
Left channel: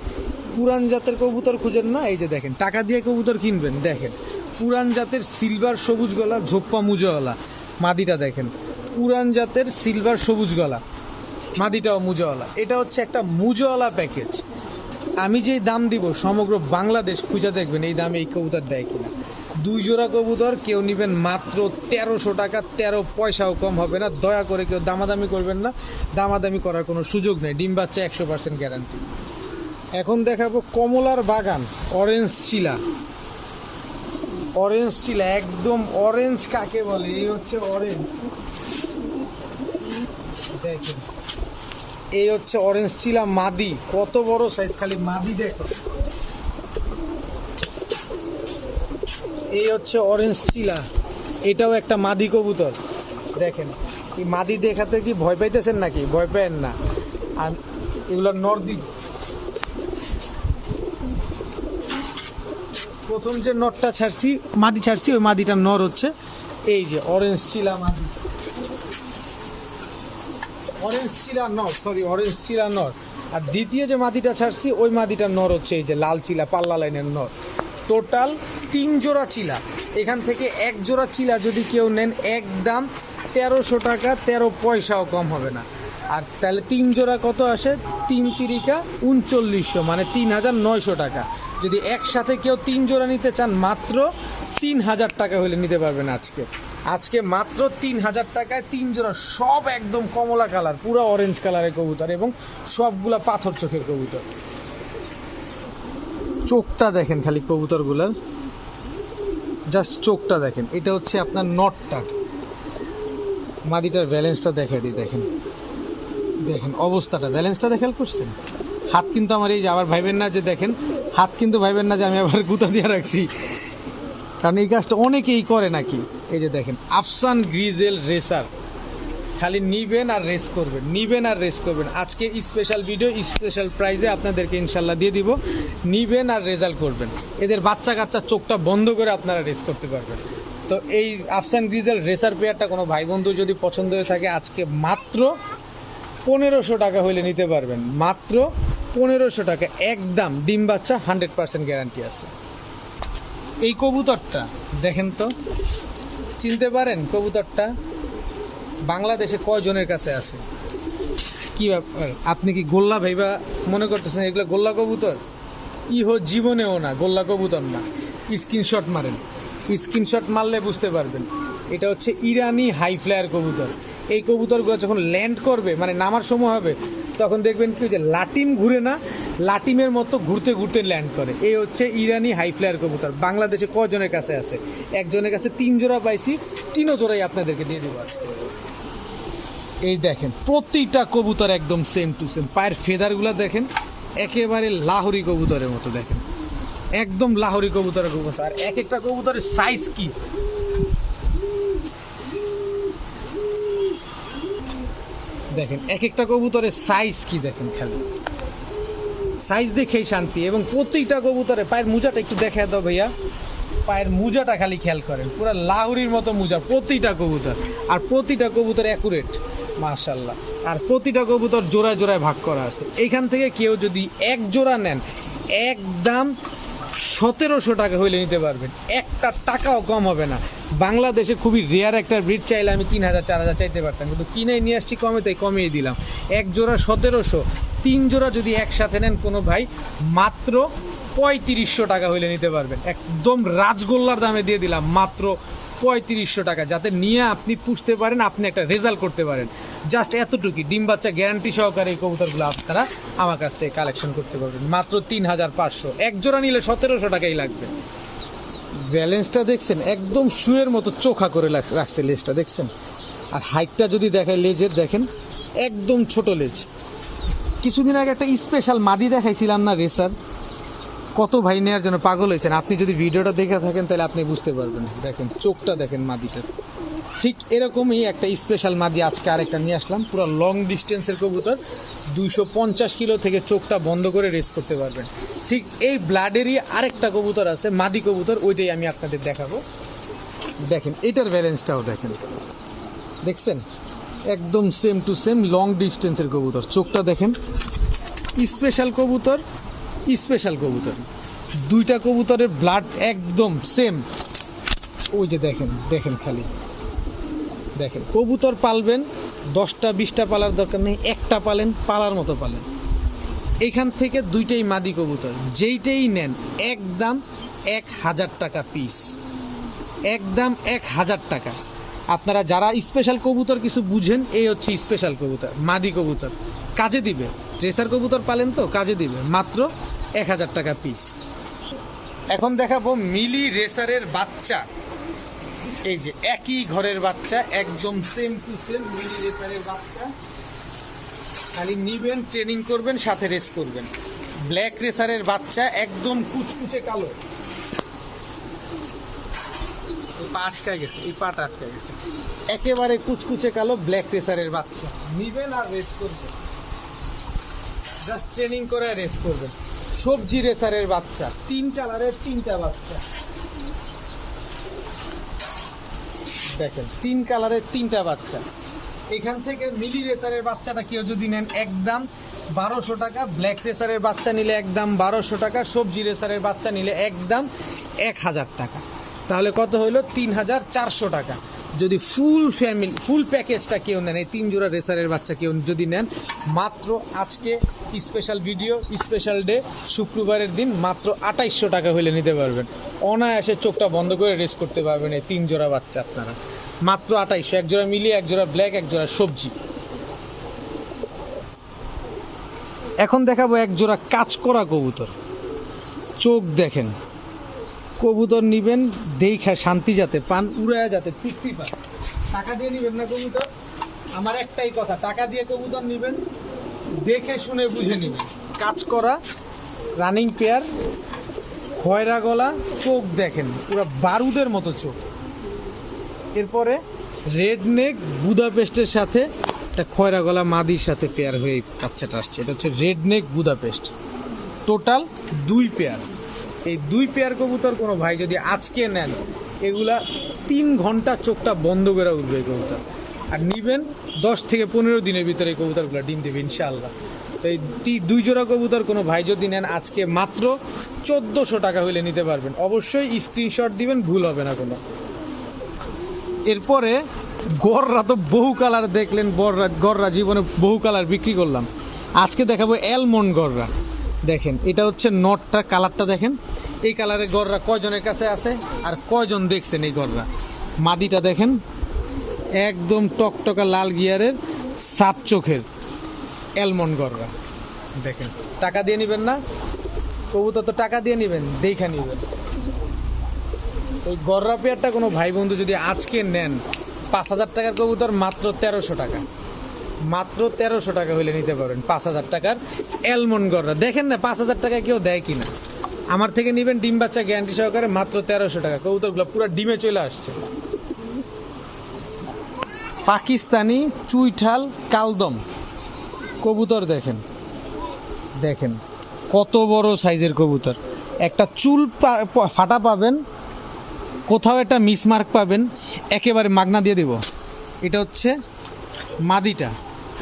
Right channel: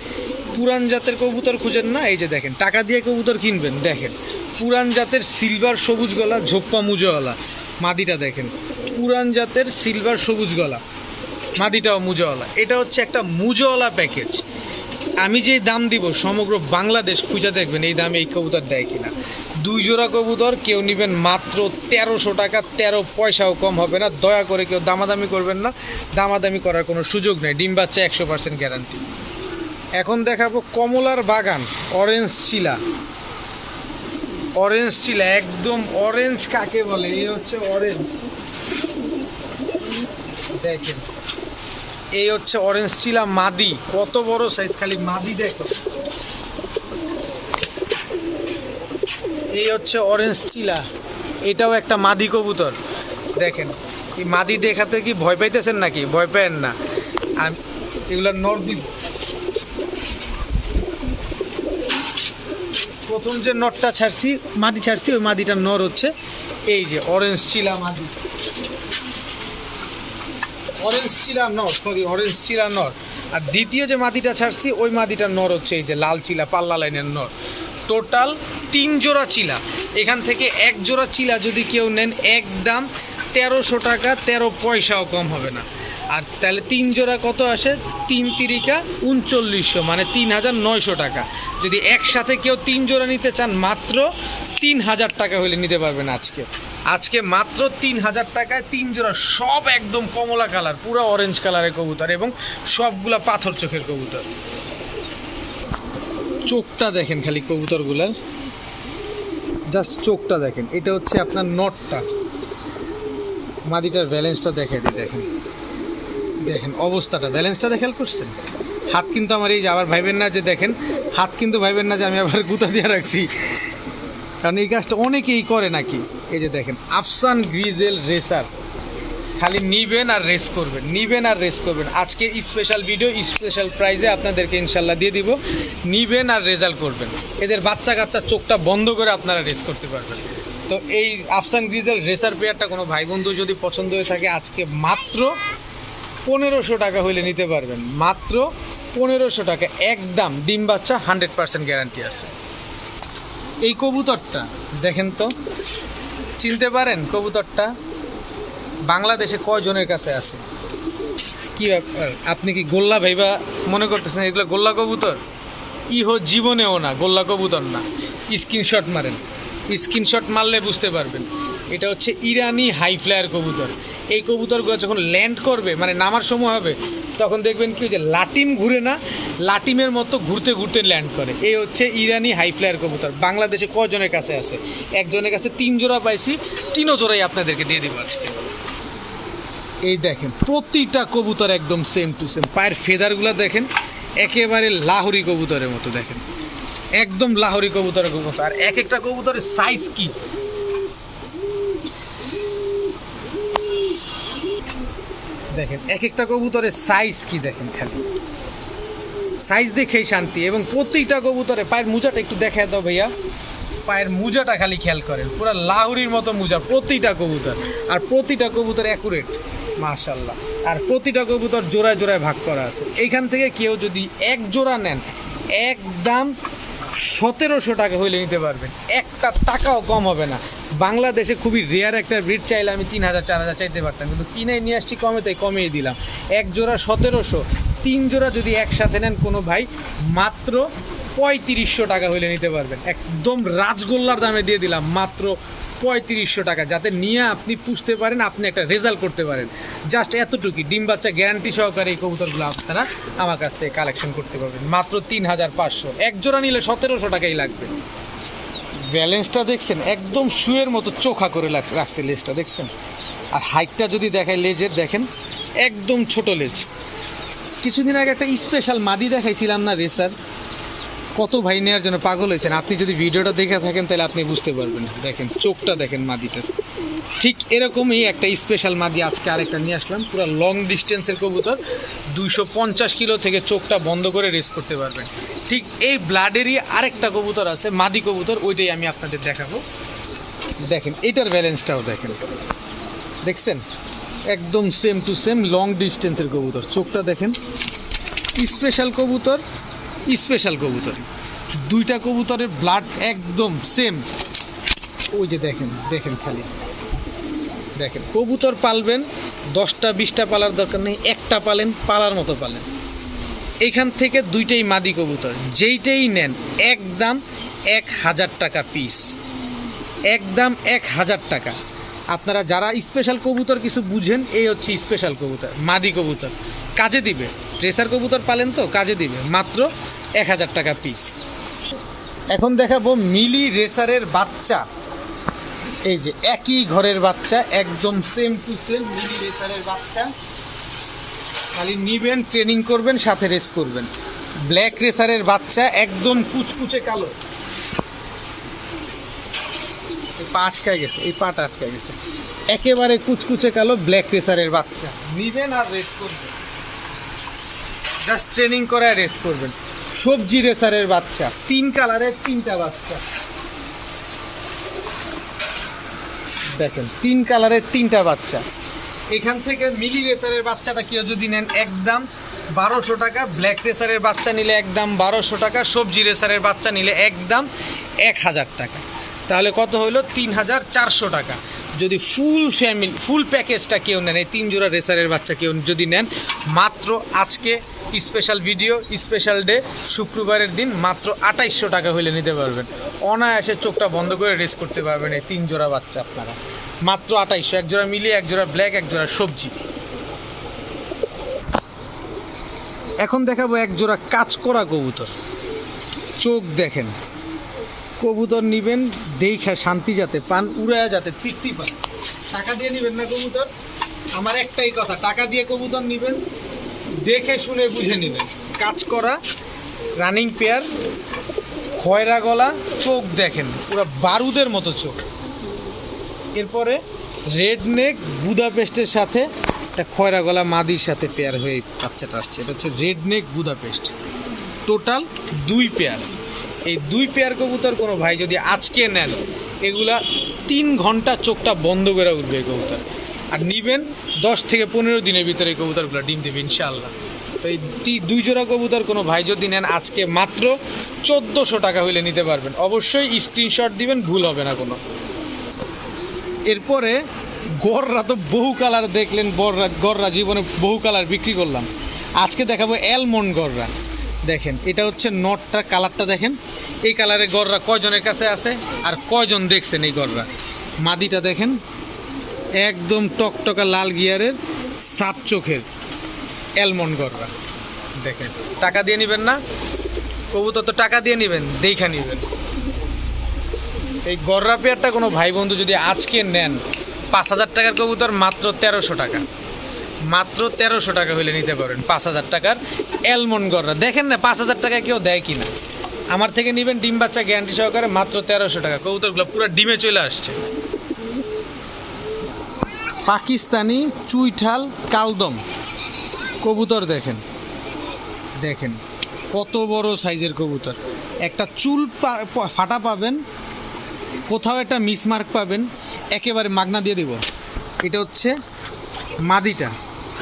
পুরান জাতের কবুতর খুঁজেন না, এই যে দেখেন টাকা দিয়ে কবুতর কিনবেন, দেখেন পুরান জাতের সিলভার সবুজ গলা ঝোপ্পা মুজাওয়ালা। মাদিটা দেখেন, পুরান জাতের সিলভার সবুজ গলা, মাদিটাও মুজাওয়ালা। এটা হচ্ছে একটা মুজাওয়ালা প্যাকেজ। আমি যেই দাম দিব সমগ্র বাংলাদেশ খুঁজে দেখবেন এই দামে এই কবুতর দেয় কিনা। 2 জোড়া কবুতর কেউ নেবেন মাত্র 1300 টাকা, 13 পয়সাও কম হবে না। দয়া করে কেউ দামাদামি করবেন না, দামাদামি করার কোনো সুযোগ নেই, ডিম বাচ্চা 100% গ্যারান্টি। এখন দেখাবো কমলার বাগান, অরেঞ্জ চিলা। অরেঞ্জ চিলা একদম অরেঞ্জ কাকে বলে, এই হচ্ছে অরেঞ্জ। দেখেন এই হচ্ছে অরেঞ্জ চিলা মাদি, কত বড় সাইজ, খালি মাদি দেখো। এই হচ্ছে অরেঞ্জ চিলা, এটাও একটা মাদি কবুতর। দেখেন এই মাদি দেখাতে কি ভয় পাইতেছেন নাকি? ভয় পেন না, আমি এগুলার নর দিব। প্রথম যে নরটা ছাড়ছি, মাদি ছাড়ছি, ওই মাদিটার নর হচ্ছে এই যে অরেঞ্জ চিলা মাদি, অরেঞ্জ চিলা নর, সরি অরেঞ্জ চিলা নর। আর দ্বিতীয় যে মাদিটা ছাড়ছি ওই মাদিটার নর হচ্ছে এই যে লাল চিলা, পাল্লা লাইনের নর। টোটাল 3 জোড়া চিলা। এখান থেকে 1 জোড়া চিলা যদি কেউ নেন একদম 1300 টাকা, 13 পয়সাও কম হবে না। আর তাহলে 3 জোড়া কত আসে? 3 তিরিকা 3900, মানে 3900 টাকা। যদি একসাথে কেউ 3 জোড়া নিতে চান মাত্র 3000 টাকা হলে নিতে পারবেন। আজকে মাত্র 3000 টাকায় 3 জোড়া, সব একদম কমলা কালার, পুরো অরেঞ্জ কালারের কবুতর এবং সবগুলা পাথর চোখের কবুতর। চোখটা দেখেন খালি কবুতরগুলার, জাস্ট চোখটা দেখেন। এটা হচ্ছে আপনার নটটা, মাদিটার ব্যালেন্সটা দেখে দিই। দেখেন দেখেন অবস্থাটা, ব্যালেন্সটা খেয়াল করছেন? হাত কিন্তু আমার এই যে, আবার ভাইবেন না যে, দেখেন হাত কিন্তু ভাইবেন না যে আমি আবার গুঁতা দিয়ে রাখছি, কারণ এই কাজটা অনেকেই করে নাকি। এই যে দেখেন আফসান গ্রিজেল রেসার, খালি নিবেন আর রেস করবেন, নিবেন আর রেস করবেন। আজকে স্পেশাল ভিডিও, স্পেশাল প্রাইজে আপনাদেরকে ইনশাল্লাহ দিয়ে দিব। নিবেন আর রেজাল্ট করবেন, এদের বাচ্চা কাচ্চা চোখটা বন্ধ করে আপনারা রেস করতে পারবেন। তো এই আফসান গ্রিজেল রেসার পেয়ারটা কোনো ভাই বন্ধু যদি পছন্দ হয়ে থাকে আজকে মাত্র 1500 টাকা হইলে নিতে পারবেন, মাত্র 1500 টাকা একদম। ডিম বাচ্চা 100% গ্যারান্টি আছে। এই কবুতরটা দেখেন তো, চিনতে পারেন কবুতরটা? বাংলাদেশে কয়জনের কাছে আছে? কি ব্যাপার, আপনি কি গোল্লা ভাইবা মনে করতেছেন এগুলো গোল্লা কবুতর? ইহো জীবনেও না, গোল্লা কবুতর না। স্ক্রিনশট মারেন, স্ক্রিনশট মারলে বুঝতে পারবেন। এটা হচ্ছে ইরানি হাই ফ্লায়ার কবুতর। এই কবুতরগুলো যখন ল্যান্ড করবে, মানে নামার সময় হবে, তখন দেখবেন কি যে লাটিম ঘুরে না, লাটিমের মতো ঘুরতে ঘুরতে ল্যান্ড করে। এই হচ্ছে ইরানি হাই ফ্লায়ার কবুতর। বাংলাদেশে কজনের কাছে আছে? একজনের কাছে 3 জোড়া পাইছি, 3 জোড়াই আপনাদেরকে দিয়ে দিব আজকে। এই দেখেন প্রতিটা কবুতর একদম সেম টু সেম। পায়ের ফেদারগুলো দেখেন একেবারে লাহোরি কবুতরের মতো, দেখেন একদম লাহোরি কবুতরের মতো। আর এক একটা কবুতরের সাইজ কি, দেখেন এক একটা কবুতরের সাইজ কি, দেখেন খালি সাইজ দেখেই শান্তি। এবং প্রতিটা কবুতরে পায়ের মোজাটা একটু দেখায় দাও ভাইয়া, পায়ের মোজাটা খালি খেয়াল করেন, পুরো লাহোরির মতো মোজা প্রতিটা কবুতর। আর প্রতিটা কবুতর অ্যাকুরেট মাশাআল্লাহ। আর প্রতিটা কবুতর জোড়ায় জোড়ায় ভাগ করা আছে। এইখান থেকে কেউ যদি এক জোড়া নেন, একদম 1700 টাকা হইলে নিতে পারবেন, একটা টাকাও কম হবে না। বাংলাদেশে খুবই রেয়ার একটা ব্রিড, চাইলে আমি 3000 4000 চাইতে পারতাম, কিন্তু কিনে নিয়ে আসছি কমে, তাই কমিয়ে দিলাম। এক জোড়া 1700, 3 জোড়া যদি একসাথে নেন কোনো ভাই মাত্র 3500 টাকা হইলে নিতে পারবেন। একদম রাজগোল্লার দামে দিয়ে দিলাম, মাত্র 3500 টাকা, যাতে নিয়ে আপনি পুষতে পারেন, আপনি একটা রেজাল্ট করতে পারেন। জাস্ট এতটুকুই, ডিম বাচ্চা গ্যারান্টি সহকারে এই কবুতরগুলো আপনারা আমার কাছ থেকে কালেকশন করতে পারবেন মাত্র 3500। এক জোড়া নিলে 1700 টাকাই লাগবে। ব্যালেন্সটা দেখছেন একদম শুয়ের মতো চোখা করে রাখছে, লেজটা দেখছেন। আর হাইটটা যদি দেখায় লেজের, দেখেন একদম ছোট লেজ। কিছুদিন আগে একটা স্পেশাল মাদি দেখাইছিলাম না রেসার, কত ভাই নেওয়ার জন্য পাগল হয়েছেন। আপনি যদি ভিডিওটা দেখে থাকেন তাহলে আপনি বুঝতে পারবেন। দেখেন চোখটা দেখেন মাদিটার, ঠিক এরকমই একটা স্পেশাল মাদি আজকে আরেকটা নিয়ে আসলাম। পুরো লং ডিস্টেন্সের কবুতর, 250 কিলো থেকে চোখটা বন্ধ করে রেস করতে পারবেন। ঠিক এই ব্লাডেরই আরেকটা কবুতর আছে, মাদি কবুতর, ওইটাই আমি আপনাদের দেখাবো। দেখেন এটার ব্যালেন্সটাও দেখেন, দেখছেন একদম সেম টু সেম লং ডিস্টেন্সের কবুতর। চোখটা দেখেন, স্পেশাল কবুতর, স্পেশাল কবুতর, দুইটা কবুতরের ব্লাড একদম সেম। ওই যে দেখেন, দেখেন খালি দেখেন। কবুতর পালবেন 10টা 20টা পালার দরকার নেই, একটা পালেন, পালার মতো পালেন। এখান থেকে দুইটাই মাদি কবুতর, যেইটাই নেন একদম 1000 টাকা পিস, একদম 1000 টাকা। আপনারা যারা স্পেশাল কবুতর কিছু বুঝেন, এই হচ্ছে স্পেশাল কবুতর, মাদি কবুতর, কাজে দিবে। ট্রেসার কবুতর পালেন তো, কাজে দিবে, মাত্র 1000 টাকা পিস। এখন দেখাবো মিলি রেসারের বাচ্চা। এই যে একই ঘরের বাচ্চা, একদম সেম টু সেম মিলি রেসারের বাচ্চা। খালি নিবেন, ট্রেনিং করবেন, সাথে রেস করবেন। ব্ল্যাক রেসারের বাচ্চা, একদম কুচকুচে কালো। পা আটকায় গেছে, এই পাটা আটকায় গেছে, একেবারে কুচকুচে কালো ব্ল্যাক রেসারের বাচ্চা। নিবেন আর রেস করবেন, জাস্ট ট্রেনিং করে রেস করবেন। সবজি রেসারের বাচ্চা, 3 কালারের 3টা বাচ্চা, দেখেন 3 কালারের 3টা বাচ্চা। এখান থেকে মিলি রেসারের বাচ্চাটা কেউ যদি নেন একদম 1200 টাকা, ব্ল্যাক রেসারের বাচ্চা নিলে একদম 1200 টাকা, সবজি রেসারের বাচ্চা নিলে একদম 1000 টাকা। তাহলে কত হলো? 3400 টাকা। যদি ফুল ফ্যামিলি ফুল প্যাকেজটা কেউ নেন, এই 3 জোড়া রেসারের বাচ্চা কেউ যদি নেন, মাত্র আজকে স্পেশাল ভিডিও, স্পেশাল ডে, শুক্রবারের দিন, মাত্র 2800 টাকা হইলে নিতে পারবেন। অনায়াসে চোখটা বন্ধ করে রেস করতে পারবেন এই 3 জোড়া বাচ্চা আপনারা, মাত্র 2800। এক জোড়া মিলিয়ে, এক জোড়া ব্ল্যাক, এক জোড়া সবজি। এখন দেখাবো এক জোড়া কাজ করা কবুতর। চোখ দেখেন, কবুতর নিবেন দেখা শান্তি যাতে পান, উড়ায় যাতে তৃপ্তি পান। টাকা দিয়ে নিবেন না কবুতর, আমার একটাই কথা, টাকা দিয়ে কবুতর নিবেন, দেখে শুনে বুঝে নেবেন। কাজ করা রানিং পেয়ার, খয়রা গলা, চোখ দেখেন পুরো বারুদের মতো চোখ। এরপরে রেড নেক বুদাপেস্টের সাথে একটা খয়রা গলা মাদির সাথে পেয়ার হয়ে বাচ্চাটা আসছে। এটা হচ্ছে রেড নেক বুদাপেস্ট, টোটাল 2 পেয়ার। এই 2 পেয়ার কবুতর কোনো ভাই যদি আজকে নেন, এগুলা 3 ঘন্টা চোখটা বন্ধ করে উঠবে এই কবুতর। আর নিবেন 10 থেকে 15 দিনের ভিতরে এই কবুতরগুলো ডিম দেবে ইনশাআল্লাহ। তো এই 2 জোড়া কবুতর কোনো ভাই যদি নেন আজকে, মাত্র 1400 টাকা হইলে নিতে পারবেন। অবশ্যই স্ক্রিনশট দিবেন, ভুল হবে না কোনো। এরপরে গররা তো বহু কালার দেখলেন, গররা জীবনে বহু কালার বিক্রি করলাম। আজকে দেখাবো অ্যালমন্ড গররা। দেখেন এটা হচ্ছে নটটার কালারটা দেখেন, এই কালারের গররা কয়জনের কাছে আছে আর কয়জন দেখছেন এই গররা। মাদিটা দেখেন একদম টকটকা লাল গিয়ারের সাত চোখের অ্যালমন্ড গররা। দেখেন টাকা দিয়ে নেবেন না কবুতর, তো টাকা দিয়ে নেবেন দেখা নেবেন। এই গররা পেয়ারটা কোনো ভাই বন্ধু যদি আজকে নেন 5,000 টাকার কবুতর মাত্র 1300 টাকা, মাত্র 1300 টাকা হলে নিতে পারেন 5,000 টাকার অ্যালমন্ড গররা। দেখেন না 5,000 টাকা কেউ দেয় কিনা, আমার থেকে নেবেন ডিম বাচ্চা গ্যারান্টি সহকারে মাত্র 1300 টাকা। কবুতরগুলো পুরো ডিমে চলে আসছে। পাকিস্তানি চুইঠাল কালদম কবুতর দেখেন, দেখেন কত বড় সাইজের কবুতর। একটা চুল ফাটা পাবেন, কোথাও একটা মিসমার্ক পাবেন, একেবারে মাগনা দিয়ে দেব। এটা হচ্ছে মাদিটা,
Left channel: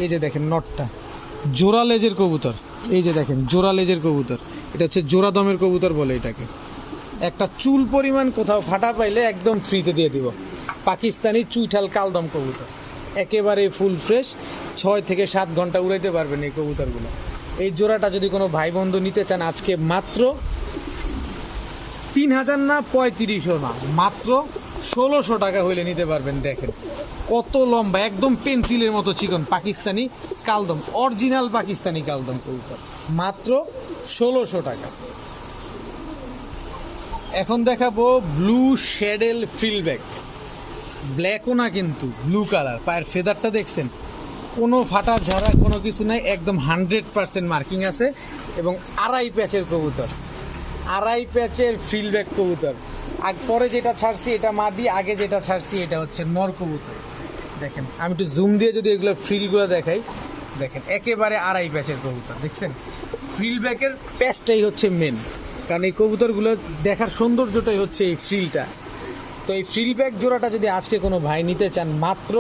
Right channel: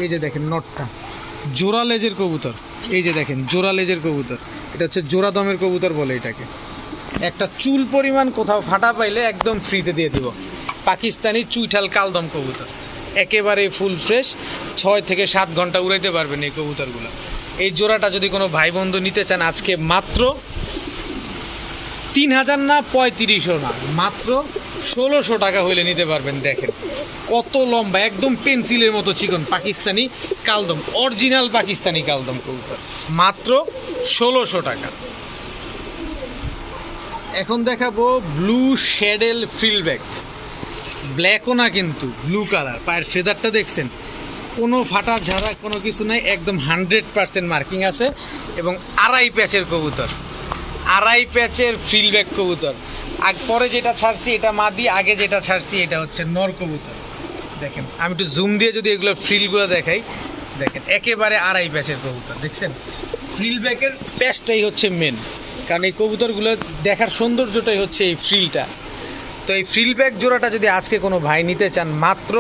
এই যে দেখেন নটটা জোড়া লেজের কবুতর, এই যে দেখেন জোড়া লেজের কবুতর, এটা হচ্ছে জোড়া দমের কবুতর বলে এটাকে। একটা চুল পরিমাণ কোথাও ফাটা পাইলে একদম ফ্রিতে দিয়ে দিব। পাকিস্তানি চুইঠাল কালদম কবুতর একেবারে ফুল ফ্রেশ, 6 থেকে 7 ঘন্টা উড়াইতে পারবেন এই কবুতরগুলো। এই জোড়াটা যদি কোনো ভাই বন্ধু নিতে চান আজকে মাত্র 3,000 না 3500 না, মাত্র 1600 টাকা হইলে নিতে পারবেন। দেখেন কত লম্বা, একদম পেন্সিলের মতো চিকন পাকিস্তানি কালদম, অরিজিনাল পাকিস্তানি কালদম কবুতর মাত্র 1600 টাকা। এখন দেখাবো ব্লু শ্যাডেল ফ্রিলব্যাক, ব্ল্যাকও না কিন্তু ব্লু কালার। পায়ের ফেদারটা দেখছেন, কোনো ফাটা ঝাড়া কোনো কিছু নাই, একদম 100% মার্কিং আছে এবং আড়াই প্যাচের কবুতর, আড়াই প্যাচের ফ্রিলব্যাক কবুতর। আর পরে যেটা ছাড়ছি এটা মাদি, আগে যেটা ছাড়ছি এটা হচ্ছে নর কবুতর। দেখেন আমি একটু জুম দিয়ে যদি এগুলো ফ্রিলগুলো দেখাই, দেখেন একেবারে আড়াই প্যাচের কবুতর। দেখছেন ফ্রিলব্যাকের প্যাচটাই হচ্ছে মেন, কারণ এই কবুতরগুলো দেখার সৌন্দর্যটাই হচ্ছে এই ফ্রিলটা। তো এই ফ্রিলব্যাক জোড়াটা যদি আজকে কোনো ভাই নিতে চান মাত্র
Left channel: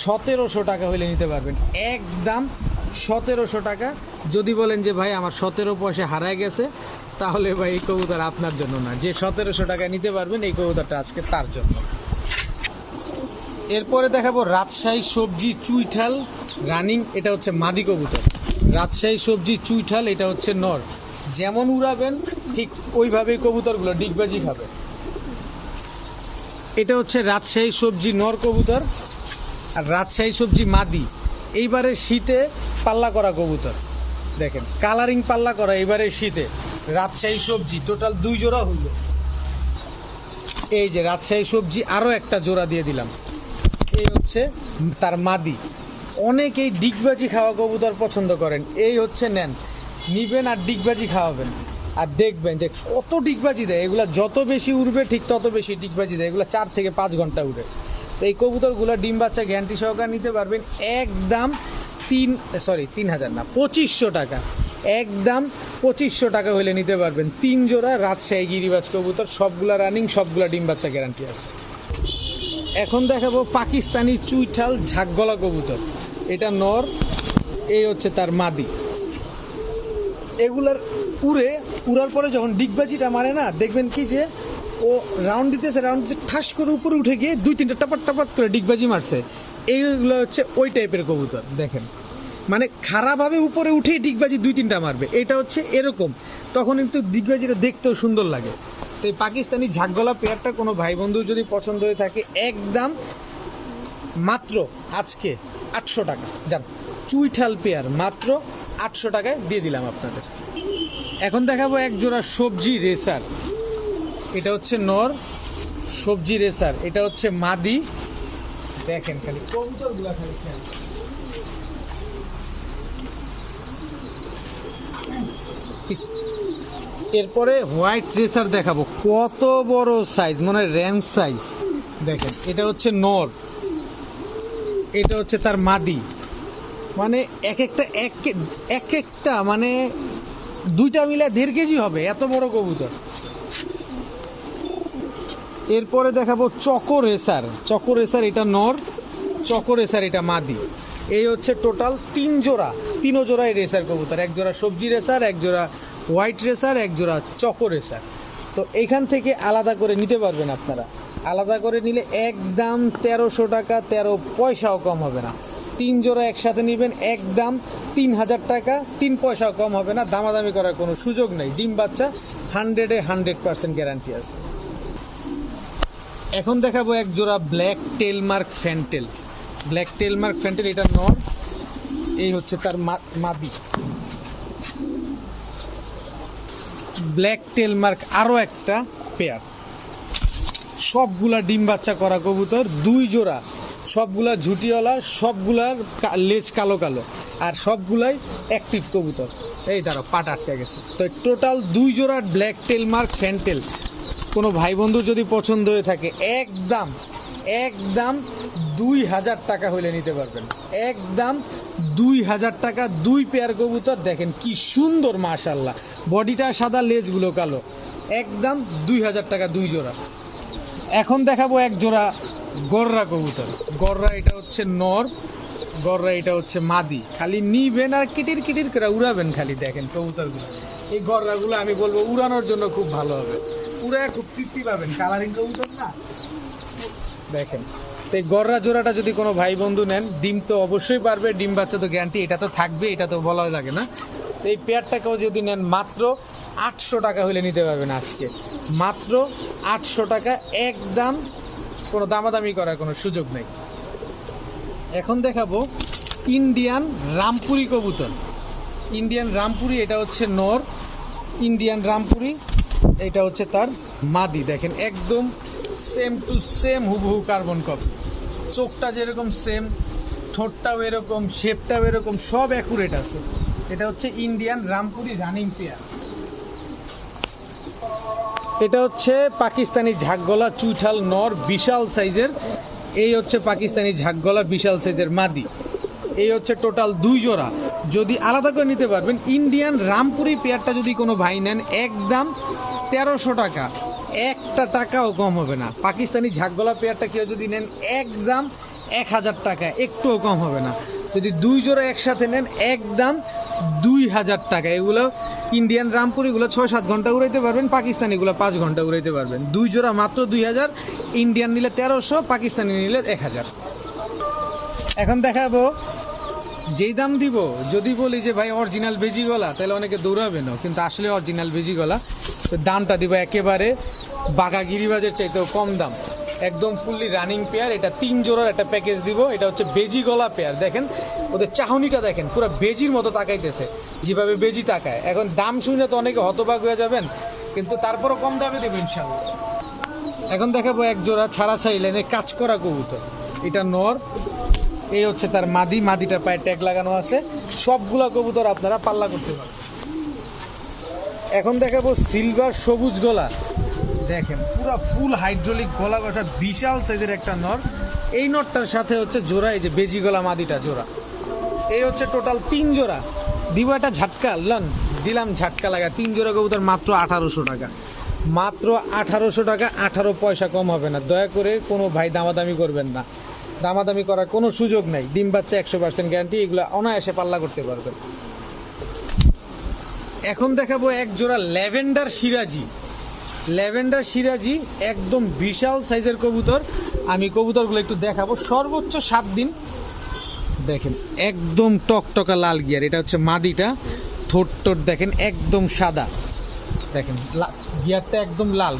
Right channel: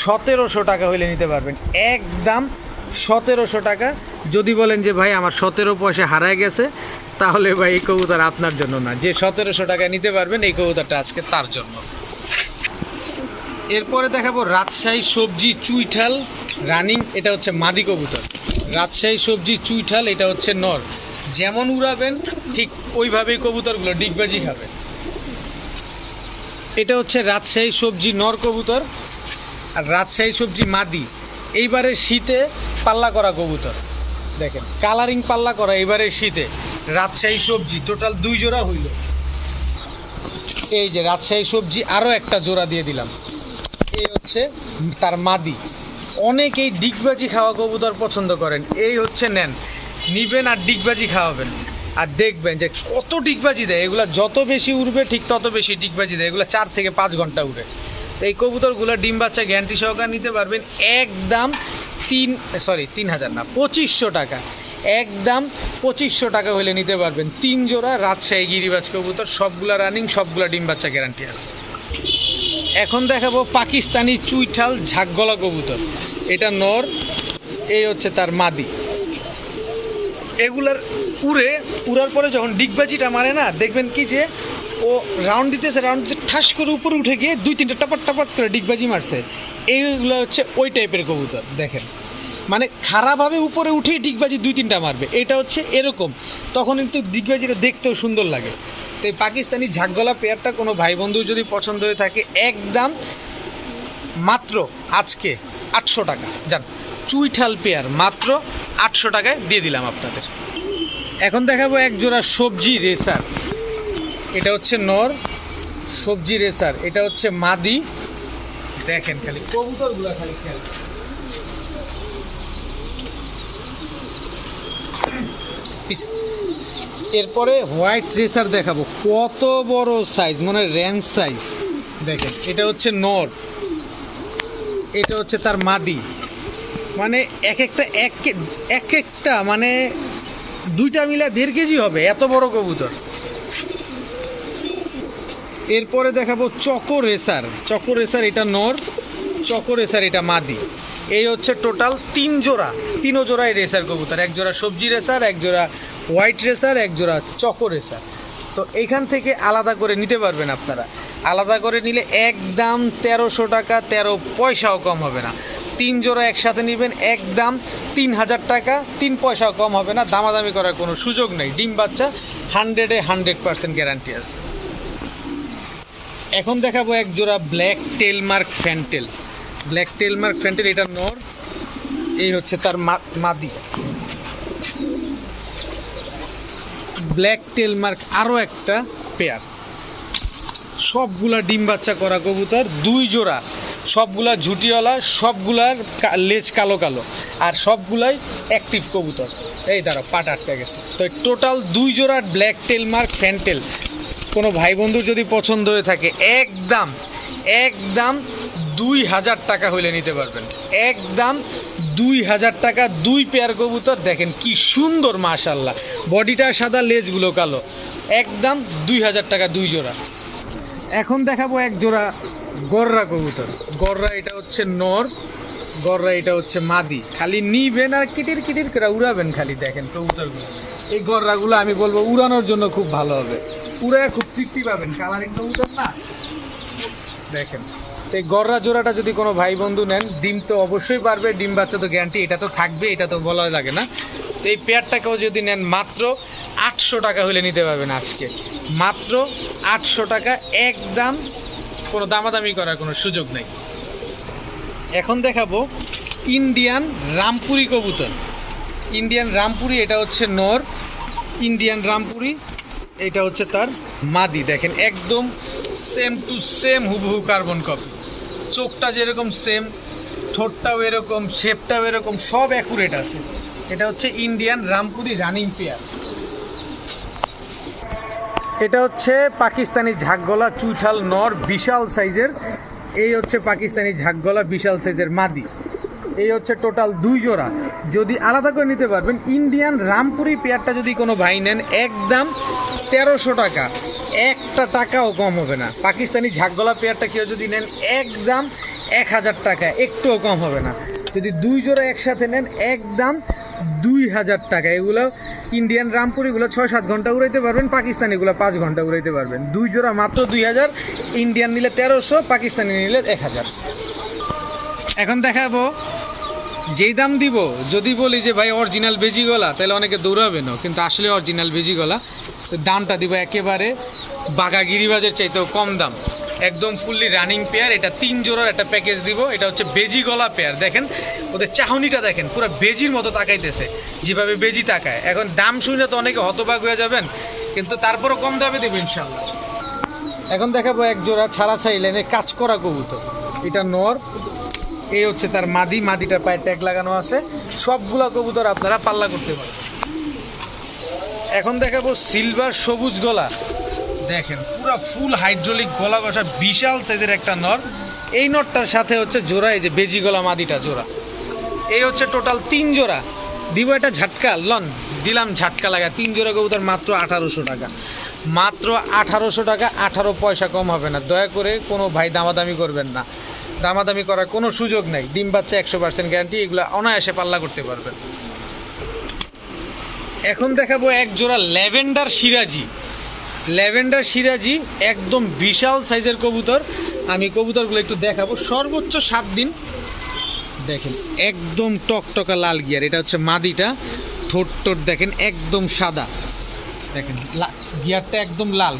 1700 টাকা হইলে নিতে পারবেন, একদম 1700 টাকা। যদি বলেন যে ভাই আমার 17 পয়সা হারায় গেছে, তাহলে ভাই এই কবুতর আপনার জন্য না। যে 1700 টাকায় নিতে পারবেন এই কবুতরটা আজকে তার জন্য। এরপরে দেখাবো রাজশাহী সবজি চুইঠাল রানিং, এটা হচ্ছে মাদি কবুতর। রাজশাহী সবজি চুইঠাল, এটা হচ্ছে নর। যেমন উড়াবেন ঠিক ওইভাবেই কবুতরগুলো ডিগবাজি খাবে। এটা হচ্ছে রাজশাহী সবজি নর কবুতর আর রাজশাহী সবজি মাদি। এইবারে শীতে পাল্লা করা কবুতর, দেখেন কালারিং পাল্লা করা এইবারে শীতে। রাজশাহী সবজি টোটাল 2 জোড়া হইল। এই যে রাজশাহী সবজি আরও একটা জোড়া দিয়ে দিলাম, এই হচ্ছে তার মাদি। অনেকেই ডিগবাজি খাওয়া কবুতর পছন্দ করেন, এই হচ্ছে নেন, নিবেন আর ডিগবাজি খাওয়াবেন আর দেখবেন যে কত ডিগবাজি দেয়। এগুলো যত বেশি উড়বে ঠিক তত বেশি ডিগবাজি দেয়, এগুলো 4 থেকে 5 ঘন্টা উড়ে। তো এই কবুতরগুলো ডিম বাচ্চা গ্যারান্টি সহকারে নিতে পারবেন একদম 3,000 না 2500 টাকা, একদম 2500 টাকা হলে নিতে পারবেন 3 জোড়া রাজশাহী গিরিবাজ কবুতর, সবগুলা রানিং, সবগুলা ডিম বাচ্চা গ্যারান্টি আছে। এখন দেখাবো পাকিস্তানি চুইঠাল ঝাঁকগলা কবুতর, এটা নর, এই হচ্ছে তার মাদি। এগুলার উড়ার পরে যখন ডিগবাজিটা মারে না, দেখবেন কি যে ও রাউন্ড দিতেছে ঠাস করে উপরে উঠে গিয়ে 2-3টা টাপাত করে ডিগবাজি মারছে। এইগুলো হচ্ছে ওই টাইপের কবুতর। দেখেন মানে খারাপভাবে উপরে উঠেই ডিগবাজি 2-3টা মারবে, এটা হচ্ছে এরকম, তখন কিন্তু ডিগবাজিটা দেখতেও সুন্দর লাগে। তো এই পাকিস্তানি ঝাঁকগলা পেয়ারটা কোনো ভাই বন্ধু যদি পছন্দ হয়ে থাকে একদম মাত্র আজকে 800 টাকা যান, চুইঠাল পেয়ার মাত্র 800 টাকায় দিয়ে দিলাম আপনাদের। এখন দেখাবো এক জোড়া সবজি রেসার, এটা হচ্ছে নর সবজি রেসার, এটা হচ্ছে মাদি। দেখেন খালি কবুতরগুলো খালি খেয়াল। এরপরে হোয়াইট রেসার দেখাবো, কত বড় সাইজ, মানে রেঞ্জ সাইজ। দেখেন এটা হচ্ছে নর, এটা হচ্ছে তার মাদি। মানে এক একটা মানে 2টা মিলা 1.5 কেজি হবে, এত বড় কবুতর। এরপরে দেখাবো চকো রেসার, চকো রেসার এটা নর, চকো রেসার এটা মাদি। এই হচ্ছে টোটাল 3 জোড়া, 3 জোড়ায় রেসার কবুতর, 1 জোড়া সবজি রেসার, 1 জোড়া হোয়াইট রেসার, 1 জোড়া চকো রেসার। তো এইখান থেকে আলাদা করে নিতে পারবেন আপনারা, আলাদা করে নিলে একদম 1300 টাকা, 13 পয়সাও কম হবে না, 3 জোড়া একসাথে নেবেন একদম 3000 টাকা, 3 পয়সাও কম হবে না, দামাদামি করার কোনো সুযোগ নেই। ডিম বাচ্চা 100-এ 100% গ্যারান্টি আছে। এখন দেখাবো এক জোড়া ব্ল্যাক টেলমার্ক ফ্যান্টেল। ব্ল্যাক টেলমার্ক ফ্যান্টেল, এটা নর, এই হচ্ছে তার মাদি। ব্ল্যাক টেলমার্ক আরও একটা পেয়ার, সবগুলা ডিম বাচ্চা করা কবুতর, 2 জোড়া, সবগুলা ঝুটিওয়ালা, সবগুলার লেজ কালো কালো, আর সবগুলাই অ্যাক্টিভ কবুতর। এই দাঁড়া, পাট আটকে গেছে। তো টোটাল 2 জোড়া ব্ল্যাক টেলমার্ক ফ্যান্টেল কোনো ভাই বন্ধুর যদি পছন্দ হয়ে থাকে একদম 2000 টাকা হইলে নিতে পারবেন। একদম 2000 টাকা 2 পেয়ার কবুতর। দেখেন কি সুন্দর, মাশাআল্লাহ, বডিটা সাদা, লেজগুলো কালো। একদম 2000 টাকা 2 জোড়া। এখন দেখাবো এক জোড়া গররা কবুতর। গররা, এটা হচ্ছে নর, গররা এটা হচ্ছে মাদি। খালি নিবেন আর কিটির কিটির করে উড়াবেন খালি। দেখেন কবুতরগুলো, এই গররাগুলো আমি বলবো উড়ানোর জন্য খুব ভালো হবে, উড়ায় খুব তৃপ্তি পাবেন। কালারিং কবুতর না, দেখেন। তো এই গররা জোড়াটা যদি কোনো ভাই বন্ধু নেন, ডিম তো অবশ্যই পারবে, ডিম বাচ্চা তো গ্যারান্টি, এটা তো থাকবে, এটা তো বলা লাগে না। তো এই পেয়ারটাকেও যদি নেন মাত্র 800 টাকা হলে নিতে পারবেন আজকে, মাত্র 800 টাকা, একদম, কোনো দামাদামি করার কোনো সুযোগ নেই। এখন দেখাবো ইন্ডিয়ান রামপুরি কবুতর। ইন্ডিয়ান রামপুরি, এটা হচ্ছে নর, ইন্ডিয়ান রামপুরি, এটা হচ্ছে তার মাদি। দেখেন একদম সেম টু সেম, হুবহু কার্বন কপি। চোখটা যেরকম সেম, ঠোঁটটাও এরকম, শেপটাও এরকম, সব অ্যাকুরেট আছে। এটা হচ্ছে ইন্ডিয়ান রামপুরি রানিং পেয়ার। এটা হচ্ছে পাকিস্তানি ঝাঁকগলা চুইঠাল নর, বিশাল সাইজের। এই হচ্ছে পাকিস্তানি ঝাঁকগলা বিশাল সাইজের মাদি। এই হচ্ছে টোটাল 2 জোড়া। যদি আলাদা করে নিতে পারবেন, ইন্ডিয়ান রামপুরি পেয়ারটা যদি কোনো ভাই নেন একদম 1300 টাকা, একটা টাকাও কম হবে না। পাকিস্তানি ঝাঁকগলা পেয়ারটা কেউ যদি নেন একদম 1000 টাকা, একটুও কম হবে না। যদি 2 জোড়া একসাথে নেন একদম 2000 টাকা। এগুলো ইন্ডিয়ান রামপুরিগুলো 6-7 ঘন্টা উড়াইতে পারবেন, পাকিস্তানিগুলো 5 ঘন্টা উড়াইতে পারবেন। 2 জোড়া মাত্র 2000, ইন্ডিয়ান নিলে 1300, পাকিস্তানি নিলে 1000। এখন দেখাবো, যেই দাম দিব, যদি বলি যে ভাই অরিজিনাল বেজি গলা, তাহলে অনেকে দৌড়াবে না, কিন্তু আসলে অরিজিনাল বেজি গলা। তো দামটা দিব একেবারে বাঘা গিরিবাজের চাইতেও কম দাম, একদম ফুললি রানিং পেয়ার। এটা 3 জোড়ার একটা প্যাকেজ দিব। এটা হচ্ছে বেজি গলা পেয়ার। দেখেন ওদের চাহনিটা, দেখেন পুরো বেজির মতো তাকাইতেছে, যেভাবে বেজি তাকায়। এখন দাম শুনে তো অনেকে হতবাক হয়ে যাবেন, কিন্তু তারপরও কম দামে দেবো ইনশাল্লাহ। এখন দেখাবো এক জোড়া ছাড়া ছাই লাইনের কাজ করা কবুতর। এটা নর, এই হচ্ছে তার মাদি। মাদিটার পায়ে ট্যাগ লাগানো আছে। সবগুলা কবুতর আপনারা পাল্লা করতে পারেন। এখন দেখাবো সিলভার সবুজ গলা। দেখেন পুরা ফুল হাইড্রোলিক গলা কষা, বিশাল সাইজের একটা নর। এই নরটার সাথে হচ্ছে জোড়া, এই যে বেজি গলা মাদিটা জোড়া। এই হচ্ছে টোটাল 3 জোড়া দিব। একটা ঝাটকা লন দিলাম, ঝাটকা লাগা 3 জোড়া কবুতর মাত্র 1800 টাকা, মাত্র 1800 টাকা, 18 পয়সা কম হবে না। দয়া করে কোনো ভাই দামাদামি করবেন না, দামাদামি করার কোনো সুযোগ নাই। ডিম বাচ্চা 100% গ্যারান্টি, এগুলো অনায়াসে পাল্লা করতে পারবেন। এখন দেখাবো এক জোড়া ল্যাভেন্ডার সিরাজি। ল্যাভেন্ডার সিরাজি একদম বিশাল সাইজের কবুতর। আমি কবুতরগুলো একটু দেখাবো। সর্বোচ্চ 7 দিন। দেখেন একদম টকটকা লাল গিয়ার। এটা হচ্ছে মাদিটা। ঠোঁট টোট দেখেন একদম সাদা, দেখেন গিয়ারটা একদম লাল।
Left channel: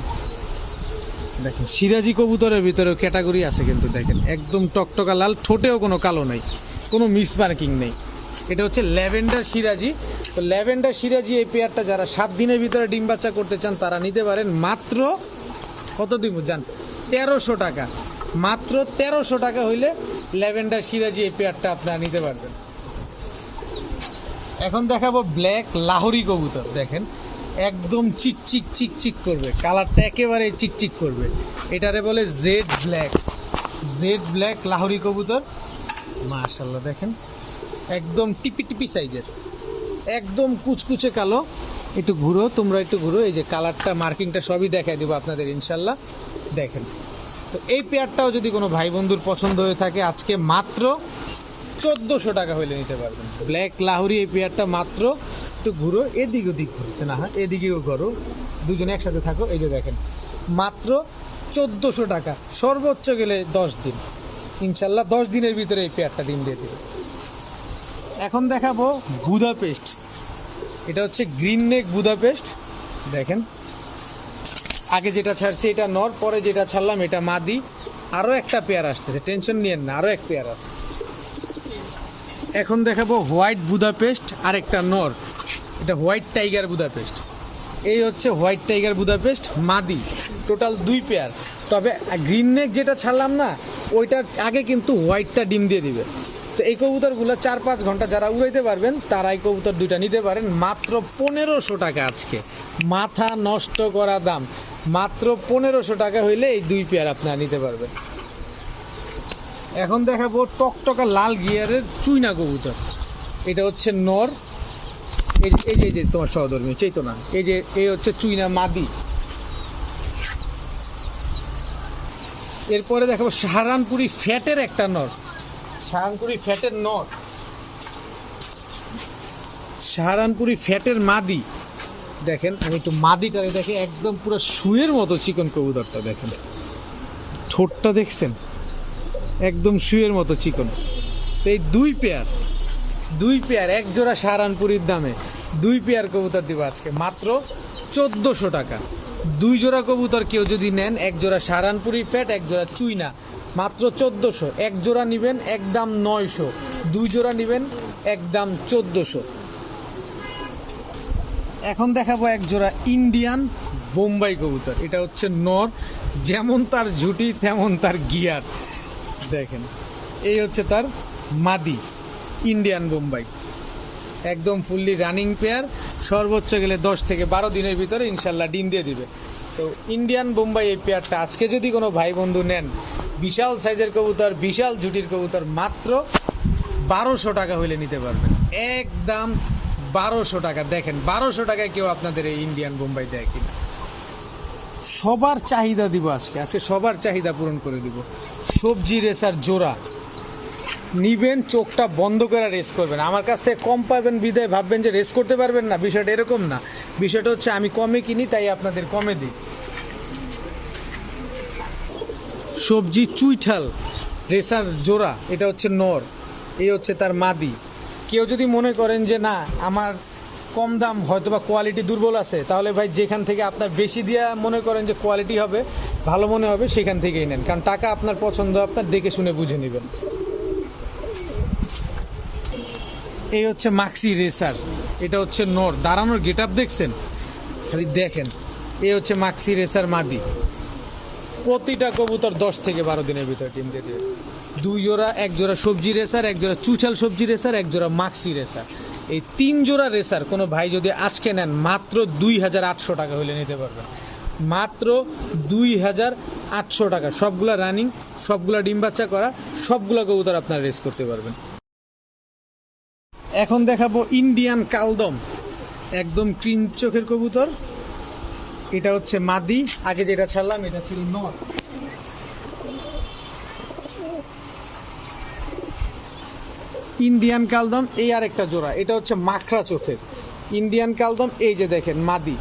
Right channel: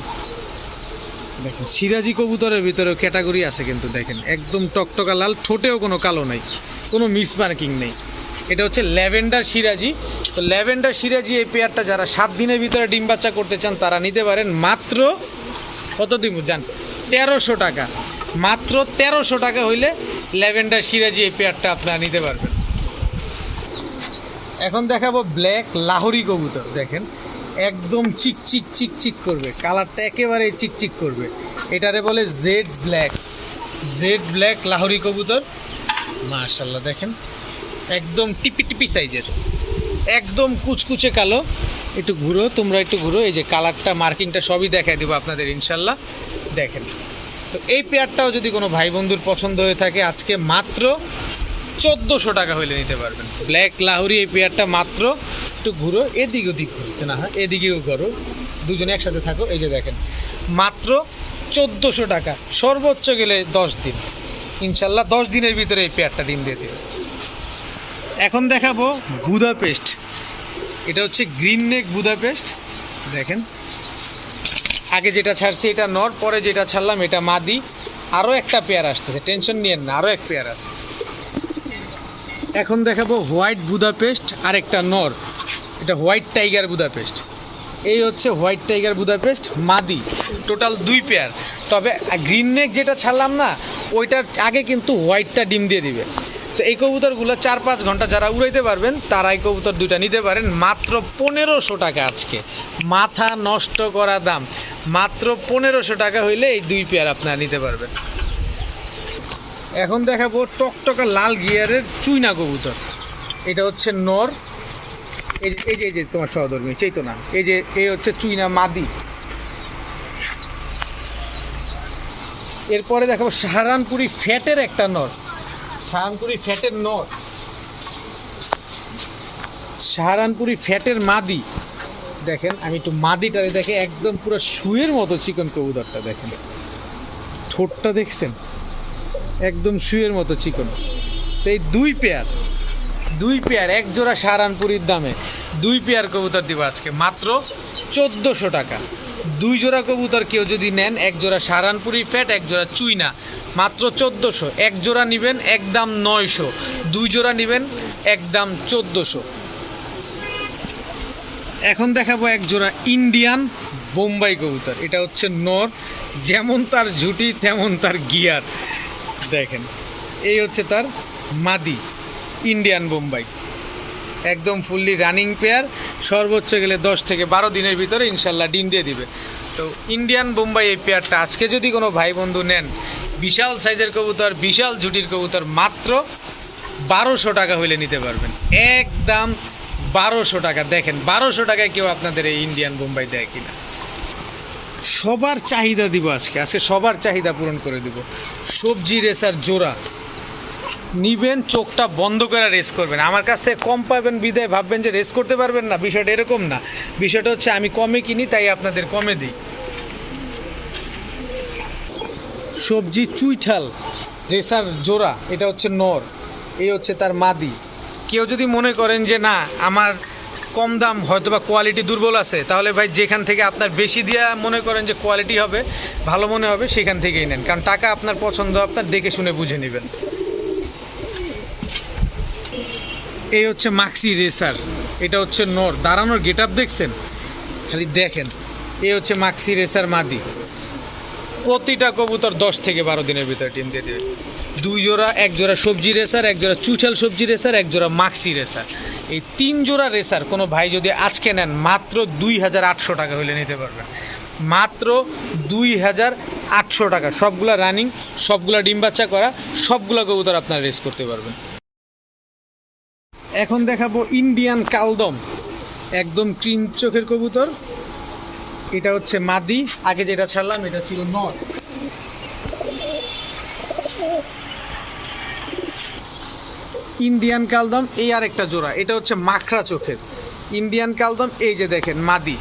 দেখেন সিরাজি কবুতরের ভিতরে ক্যাটাগরি আছে কিন্তু, দেখেন একদম টকটকা লাল, ঠোঁটেও কোনো কালো নাই, কোনো মিস মার্কিং নেই। এটা হচ্ছে ল্যাভেন্ডার সিরাজি। তো ল্যাভেন্ডার সিরাজি এই পেয়ারটা যারা 7 দিনের ভিতরে ডিম বাচ্চা করতে চান তারা নিতে পারেন। মাত্র কত দিব জান? 1300 টাকা। মাত্র 1300 টাকা হইলে ল্যাভেন্ডার সিরাজি এই পেয়ারটা আপনারা নিতে পারবেন। এখন দেখাবো ব্ল্যাক লাহোরি কবুতর। দেখেন একদম চিকচিক চিকচিক করবে, কালারটা একেবারে চিকচিক করবে। এটারে বলে jet black. Jet black Lahori কবুতর, মাশাআল্লাহ দেখেন একদম টিপি টিপি সাইজের, একদম কুচকুচে কালো। একটু ঘুরো, তোমরা একটু ঘুরো, এই যে কালারটা মার্কিংটা সবই দেখাই দেবো আপনাদের ইনশাল্লাহ। দেখেন তো এই পেয়ারটাও যদি কোনো ভাই বন্ধুর পছন্দ হয়ে থাকে আজকে মাত্র 1400 টাকা হইলে নিতে পারবেন। ব্ল্যাক লাহোরি এই পেয়ারটা মাত্র, একটু ঘুরো, এদিক ওদিক ঘুরতে না হয়, এদিকেও ঘুরো, দুজনে একসাথে থাকো। এই যে দেখেন মাত্র 1400 টাকা, সর্বোচ্চ গেলে 10 দিন। ইনশাল্লাহ 10 দিনের ভিতরে এই পেয়ারটা ডিম দিয়ে দেবে। এখন দেখাবো বুদাপেস্ট। এটা হচ্ছে গ্রিন নেক বুদাপেস্ট। দেখেন আগে যেটা ছাড়ছি এটা নর, পরে যেটা ছাড়লাম এটা মাদি। আরও একটা পেয়ার আসতেছে, টেনশন নিয়েন না, আরও এক পেয়ার আছে। এখন দেখাবো হোয়াইট বুদাপেস্ট আর একটা নর, এটা হোয়াইট টাইগার বুদাপেস্ট। এই হচ্ছে হোয়াইট টাইগার বুদাপেস্ট মাদি, টোটাল 2 পেয়ার। তবে গ্রিন নেক যেটা ছাড়লাম না, ওইটার আগে কিন্তু হোয়াইটটা ডিম দিয়ে দিবে। তো এই কবুতরগুলো 4-5 ঘন্টা যারা উড়াইতে পারবেন তারা এই কবুতর 2টা নিতে পারেন মাত্র 1500 টাকা। আজকে মাথা নষ্ট করা দাম, মাত্র 1500 টাকা হইলে এই 2 পেয়ার আপনারা নিতে পারবেন। এখন দেখাবো টকটকা লাল গিয়ারের চুইনা কবুতর। এটা হচ্ছে নর, এই যে তোমার সহধর্মী চেতনা, এই হচ্ছে চুইনা মাদি। এরপরে দেখাবো সাহারানপুরি ফ্যাটের একটা নর, সাহারানপুরি ফ্যাটের নর, সাহারানপুরি ফ্যাটের মাদি। দেখেন আমি একটু মাদিটারে দেখে, একদম পুরো শুয়ের মতো চিকন কবুতরটা। দেখেন ঠোঁটটা দেখছেন, একদম শুয়ের মতো চিকন। তো এই 2 পেয়ার এক জোড়া সাহারানপুরির দামে 2 পেয়ার কবুতর দিব আজকে মাত্র 1400 টাকা। 2 জোড়া কবুতর কেউ যদি নেন, এক জোড়া সাহারানপুরি ফ্যাট, এক জোড়া চুইনা, মাত্র 1400। এক জোড়া নেবেন একদম 900, 2 জোড়া নেবেন একদম 1400। এখন দেখাবো এক জোড়া ইন্ডিয়ান বোম্বাই কবুতর। এটা হচ্ছে নর, যেমন তার ঝুটি তেমন তার গিয়ার। দেখেন এই হচ্ছে তার মাদি ইন্ডিয়ান বোম্বাই, একদম ফুললি রানিং পেয়ার। সর্বোচ্চ গেলে 10 থেকে 12 দিনের ভিতরে ইনশাল্লাহ ডিম দিয়ে দিবে। তো ইন্ডিয়ান বোম্বাই এই পেয়ারটা আজকে যদি কোনো ভাই বন্ধু নেন, বিশাল সাইজের কবুতর, বিশাল ঝুটির কবুতর, মাত্র 1200 টাকা হইলে নিতে পারবেন, একদম 1200 টাকা। দেখেন 1200 টাকায় কেউ আপনাদের এই ইন্ডিয়ান বোম্বাই দেয় কিনা। সবার চাহিদা দিব আজকে সবার চাহিদা পূরণ করে দিব। সবজি রেসার জোড়া নিবেন, চোখটা বন্ধ করে রেস করবেন। আমার কাছ থেকে কম পাবেন বিদায় ভাববেন যে রেস করতে পারবেন না, বিষয়টা এরকম না। বিষয়টা হচ্ছে আমি কমে কিনি তাই আপনাদের কমে দিই। সবজি চুইঠাল রেসার জোড়া, এটা হচ্ছে নর, এই হচ্ছে তার মাদি। কেউ যদি মনে করেন যে না আমার কম দাম, হয়তো বা কোয়ালিটি দুর্বল আছে, তাহলে ভাই যেখান থেকে আপনার বেশি দিয়া মনে করেন যে কোয়ালিটি হবে, ভালো মনে হবে, সেখান থেকেই নেন। কারণ টাকা আপনার পছন্দ, আপনার দেখে শুনে বুঝে নেবেন। এই হচ্ছে মাক্সি রেসার, এটা হচ্ছে নর, দাঁড়ানোর গেট আপ দেখছেন, খালি দেখেন। এই হচ্ছে মাক্সি রেসার মাদি। প্রতিটা কবুতর 10 থেকে 12 দিনের ভিতরে ডিম দিয়ে দেবে। 2 জোড়া, এক জোড়া সবজি রেসার, এক জোড়া চুইঠাল সবজি রেসার, এক জোড়া মাক্সি রেসার। এই 3 জোড়া রেসার কোনো ভাই যদি আজকে নেন, মাত্র 2800 টাকা হলে নিতে পারবেন, মাত্র 2800 টাকা। সবগুলা রানিং, সবগুলা ডিম বাচ্চা করা, সবগুলা কবুতর আপনারা রেস করতে পারবেন। এখন দেখাবো ইন্ডিয়ান কালদম, একদম ক্রিম চোখের কবুতর। এটা হচ্ছে মাদি, আগে যেটা ছাড়লাম এটা ছিল নর। ইন্ডিয়ান কালদম এই আরেকটা জোড়া, এটা হচ্ছে মাখরা চোখের ইন্ডিয়ান কালদম। এই যে দেখেন মাদি,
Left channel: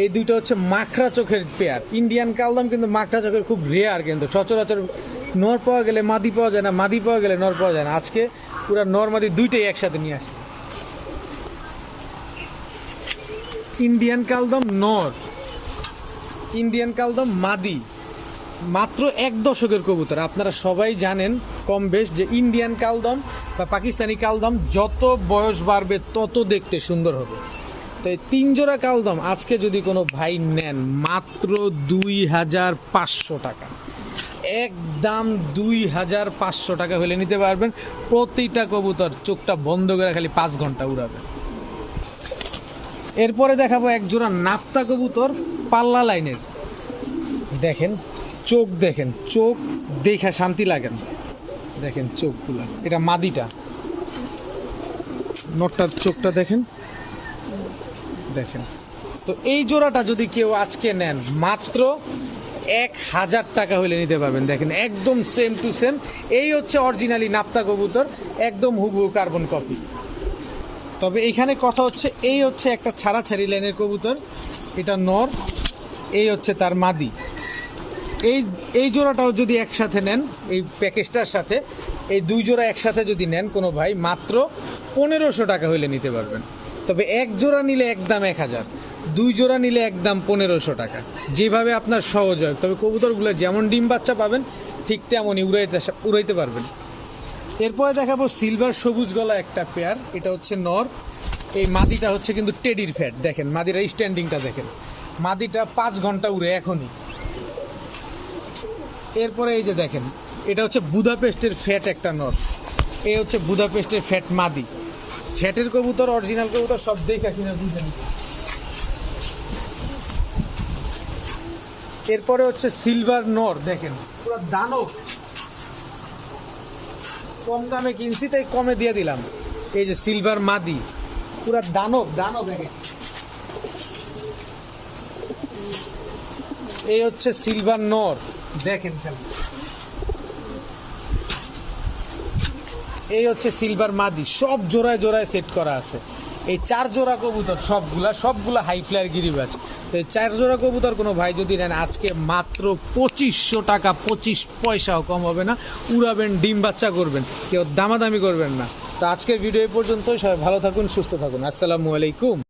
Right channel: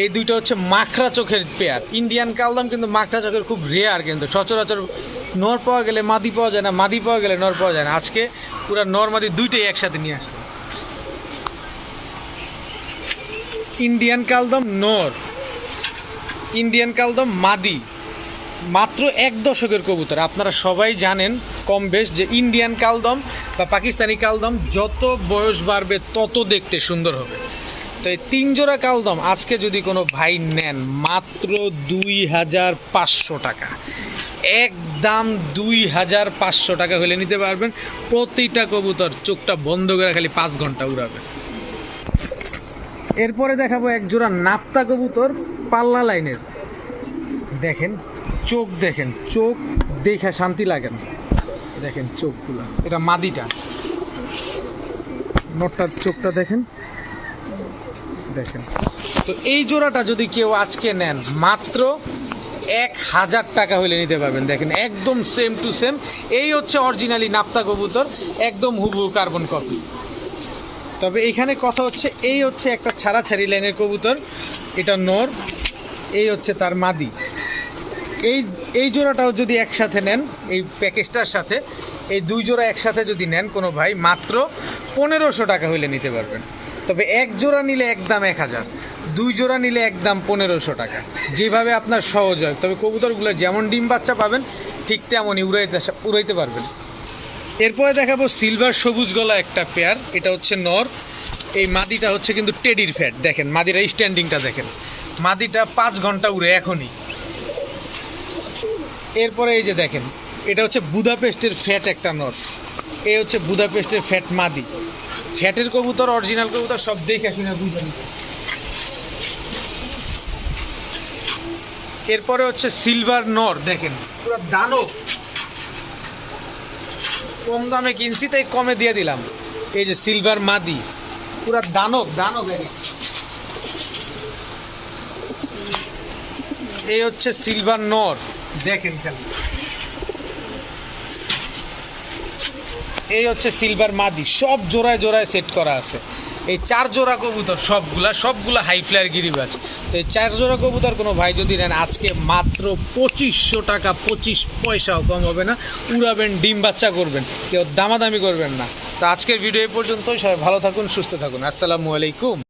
এই দুইটা হচ্ছে মাখরা চোখের পেয়ার। ইন্ডিয়ান কালদম কিন্তু মাখরা চোখের খুব রেয়ার, কিন্তু সচরাচর নর পাওয়া গেলে মাদি পাওয়া যায় না, মাদি পাওয়া গেলে নর পাওয়া যায় না। আজকে পুরো নর মাদি দুইটাই একসাথে নিয়ে আসবে। ইন্ডিয়ান কালদম নর, ইন্ডিয়ান কালদম মাদি, মাত্র 1 দশকের কবুতর। আপনারা সবাই জানেন কম বেশ যে ইন্ডিয়ান কালদম বা পাকিস্তানি কালদম যত বয়স বাড়বে তত দেখতে সুন্দর হবে। তো এই 3 জোড়া কালদম আজকে যদি কোনো ভাই নেন, মাত্র 2500 টাকা, একদম 2500 টাকা হলে নিতে পারবেন। প্রতিটা কবুতর চোখটা বন্ধ করে খালি 5 ঘন্টা উড়াবে। এরপরে দেখাবো এক জোড়া নাপ্তা কবুতর পাল্লা লাইনের। দেখেন চোখ, দেখেন চোখ দেখে শান্তি লাগে না, দেখেন চোখগুলা। এটা মাদিটা, নটটার চোখটা দেখেন, দেখেন। তো এই জোড়াটা যদি কেউ আজকে নেন, মাত্র 1000 টাকা হলে নিতে পারবেন। দেখেন একদম সেম টু সেম, এই হচ্ছে অরিজিনালি নাপ্তা কবুতর, একদম হুবহু কার্বন কপি। তবে এইখানে কথা হচ্ছে, এই হচ্ছে একটা ছাড়াছাড়ি লাইনের কবুতর, এটা নর, এই হচ্ছে তার মাদি। এই এই জোড়াটাও যদি একসাথে নেন, এই প্যাকেজটার সাথে এই 2 জোড়া একসাথে যদি নেন কোনো ভাই, মাত্র 1500 টাকা হইলে নিতে পারবেন। তবে এক জোড়া নিলে একদম 1000, 2 জোড়া নিলে একদম 1500 টাকা, যেভাবে আপনার সহজ হয়। তবে কবুতরগুলো যেমন ডিম বাচ্চা পাবেন ঠিক তেমনই উড়াইতে পারবেন। এরপরে দেখাবো সিলভার সবুজ গলা একটা পেয়ার, এটা হচ্ছে নর। এই মাদিটা হচ্ছে কিন্তু টেডির ফ্যাট, দেখেন মাদিরা স্ট্যান্ডিংটা দেখেন, মাদিটা 5 ঘন্টা উড়ে এখনই। এরপরে এই যে দেখেন, এটা হচ্ছে বুদাপেস্টের ফ্যাট একটা নর, এই হচ্ছে বুদাপেস্টের ফ্যাট মাদি। ফ্যাটের কবুতর, অরিজিনাল কবুতর সব দেখে শুনে বুঝেন। এরপরে হচ্ছে সিলভার নর, দেখেন পুরো দানব, কম দামে কিনছি তাই কমে দিয়ে দিলাম। এই যে সিলভার মাদি, পুরো দানব দানব। এই হচ্ছে সিলভার নর, দেখেন খালি। এই হচ্ছে সিলভার মাদি, সব জোড়ায় জোড়ায় সেট করা আছে। এই 4 জোড়া কবুতর সবগুলা হাই ফ্লায়ার গিরিবাজ। তো এই 4 জোড়া কবুতর কোনো ভাই যদি নেন আজকে মাত্র 2500 টাকা, 25 পয়সাও কম হবে না। উড়াবেন, ডিম বাচ্চা করবেন, কেউ দামাদামি করবেন না। তো আজকের ভিডিও এই পর্যন্তই। সবাই ভালো থাকুন, সুস্থ থাকুন। আসসালামু আলাইকুম।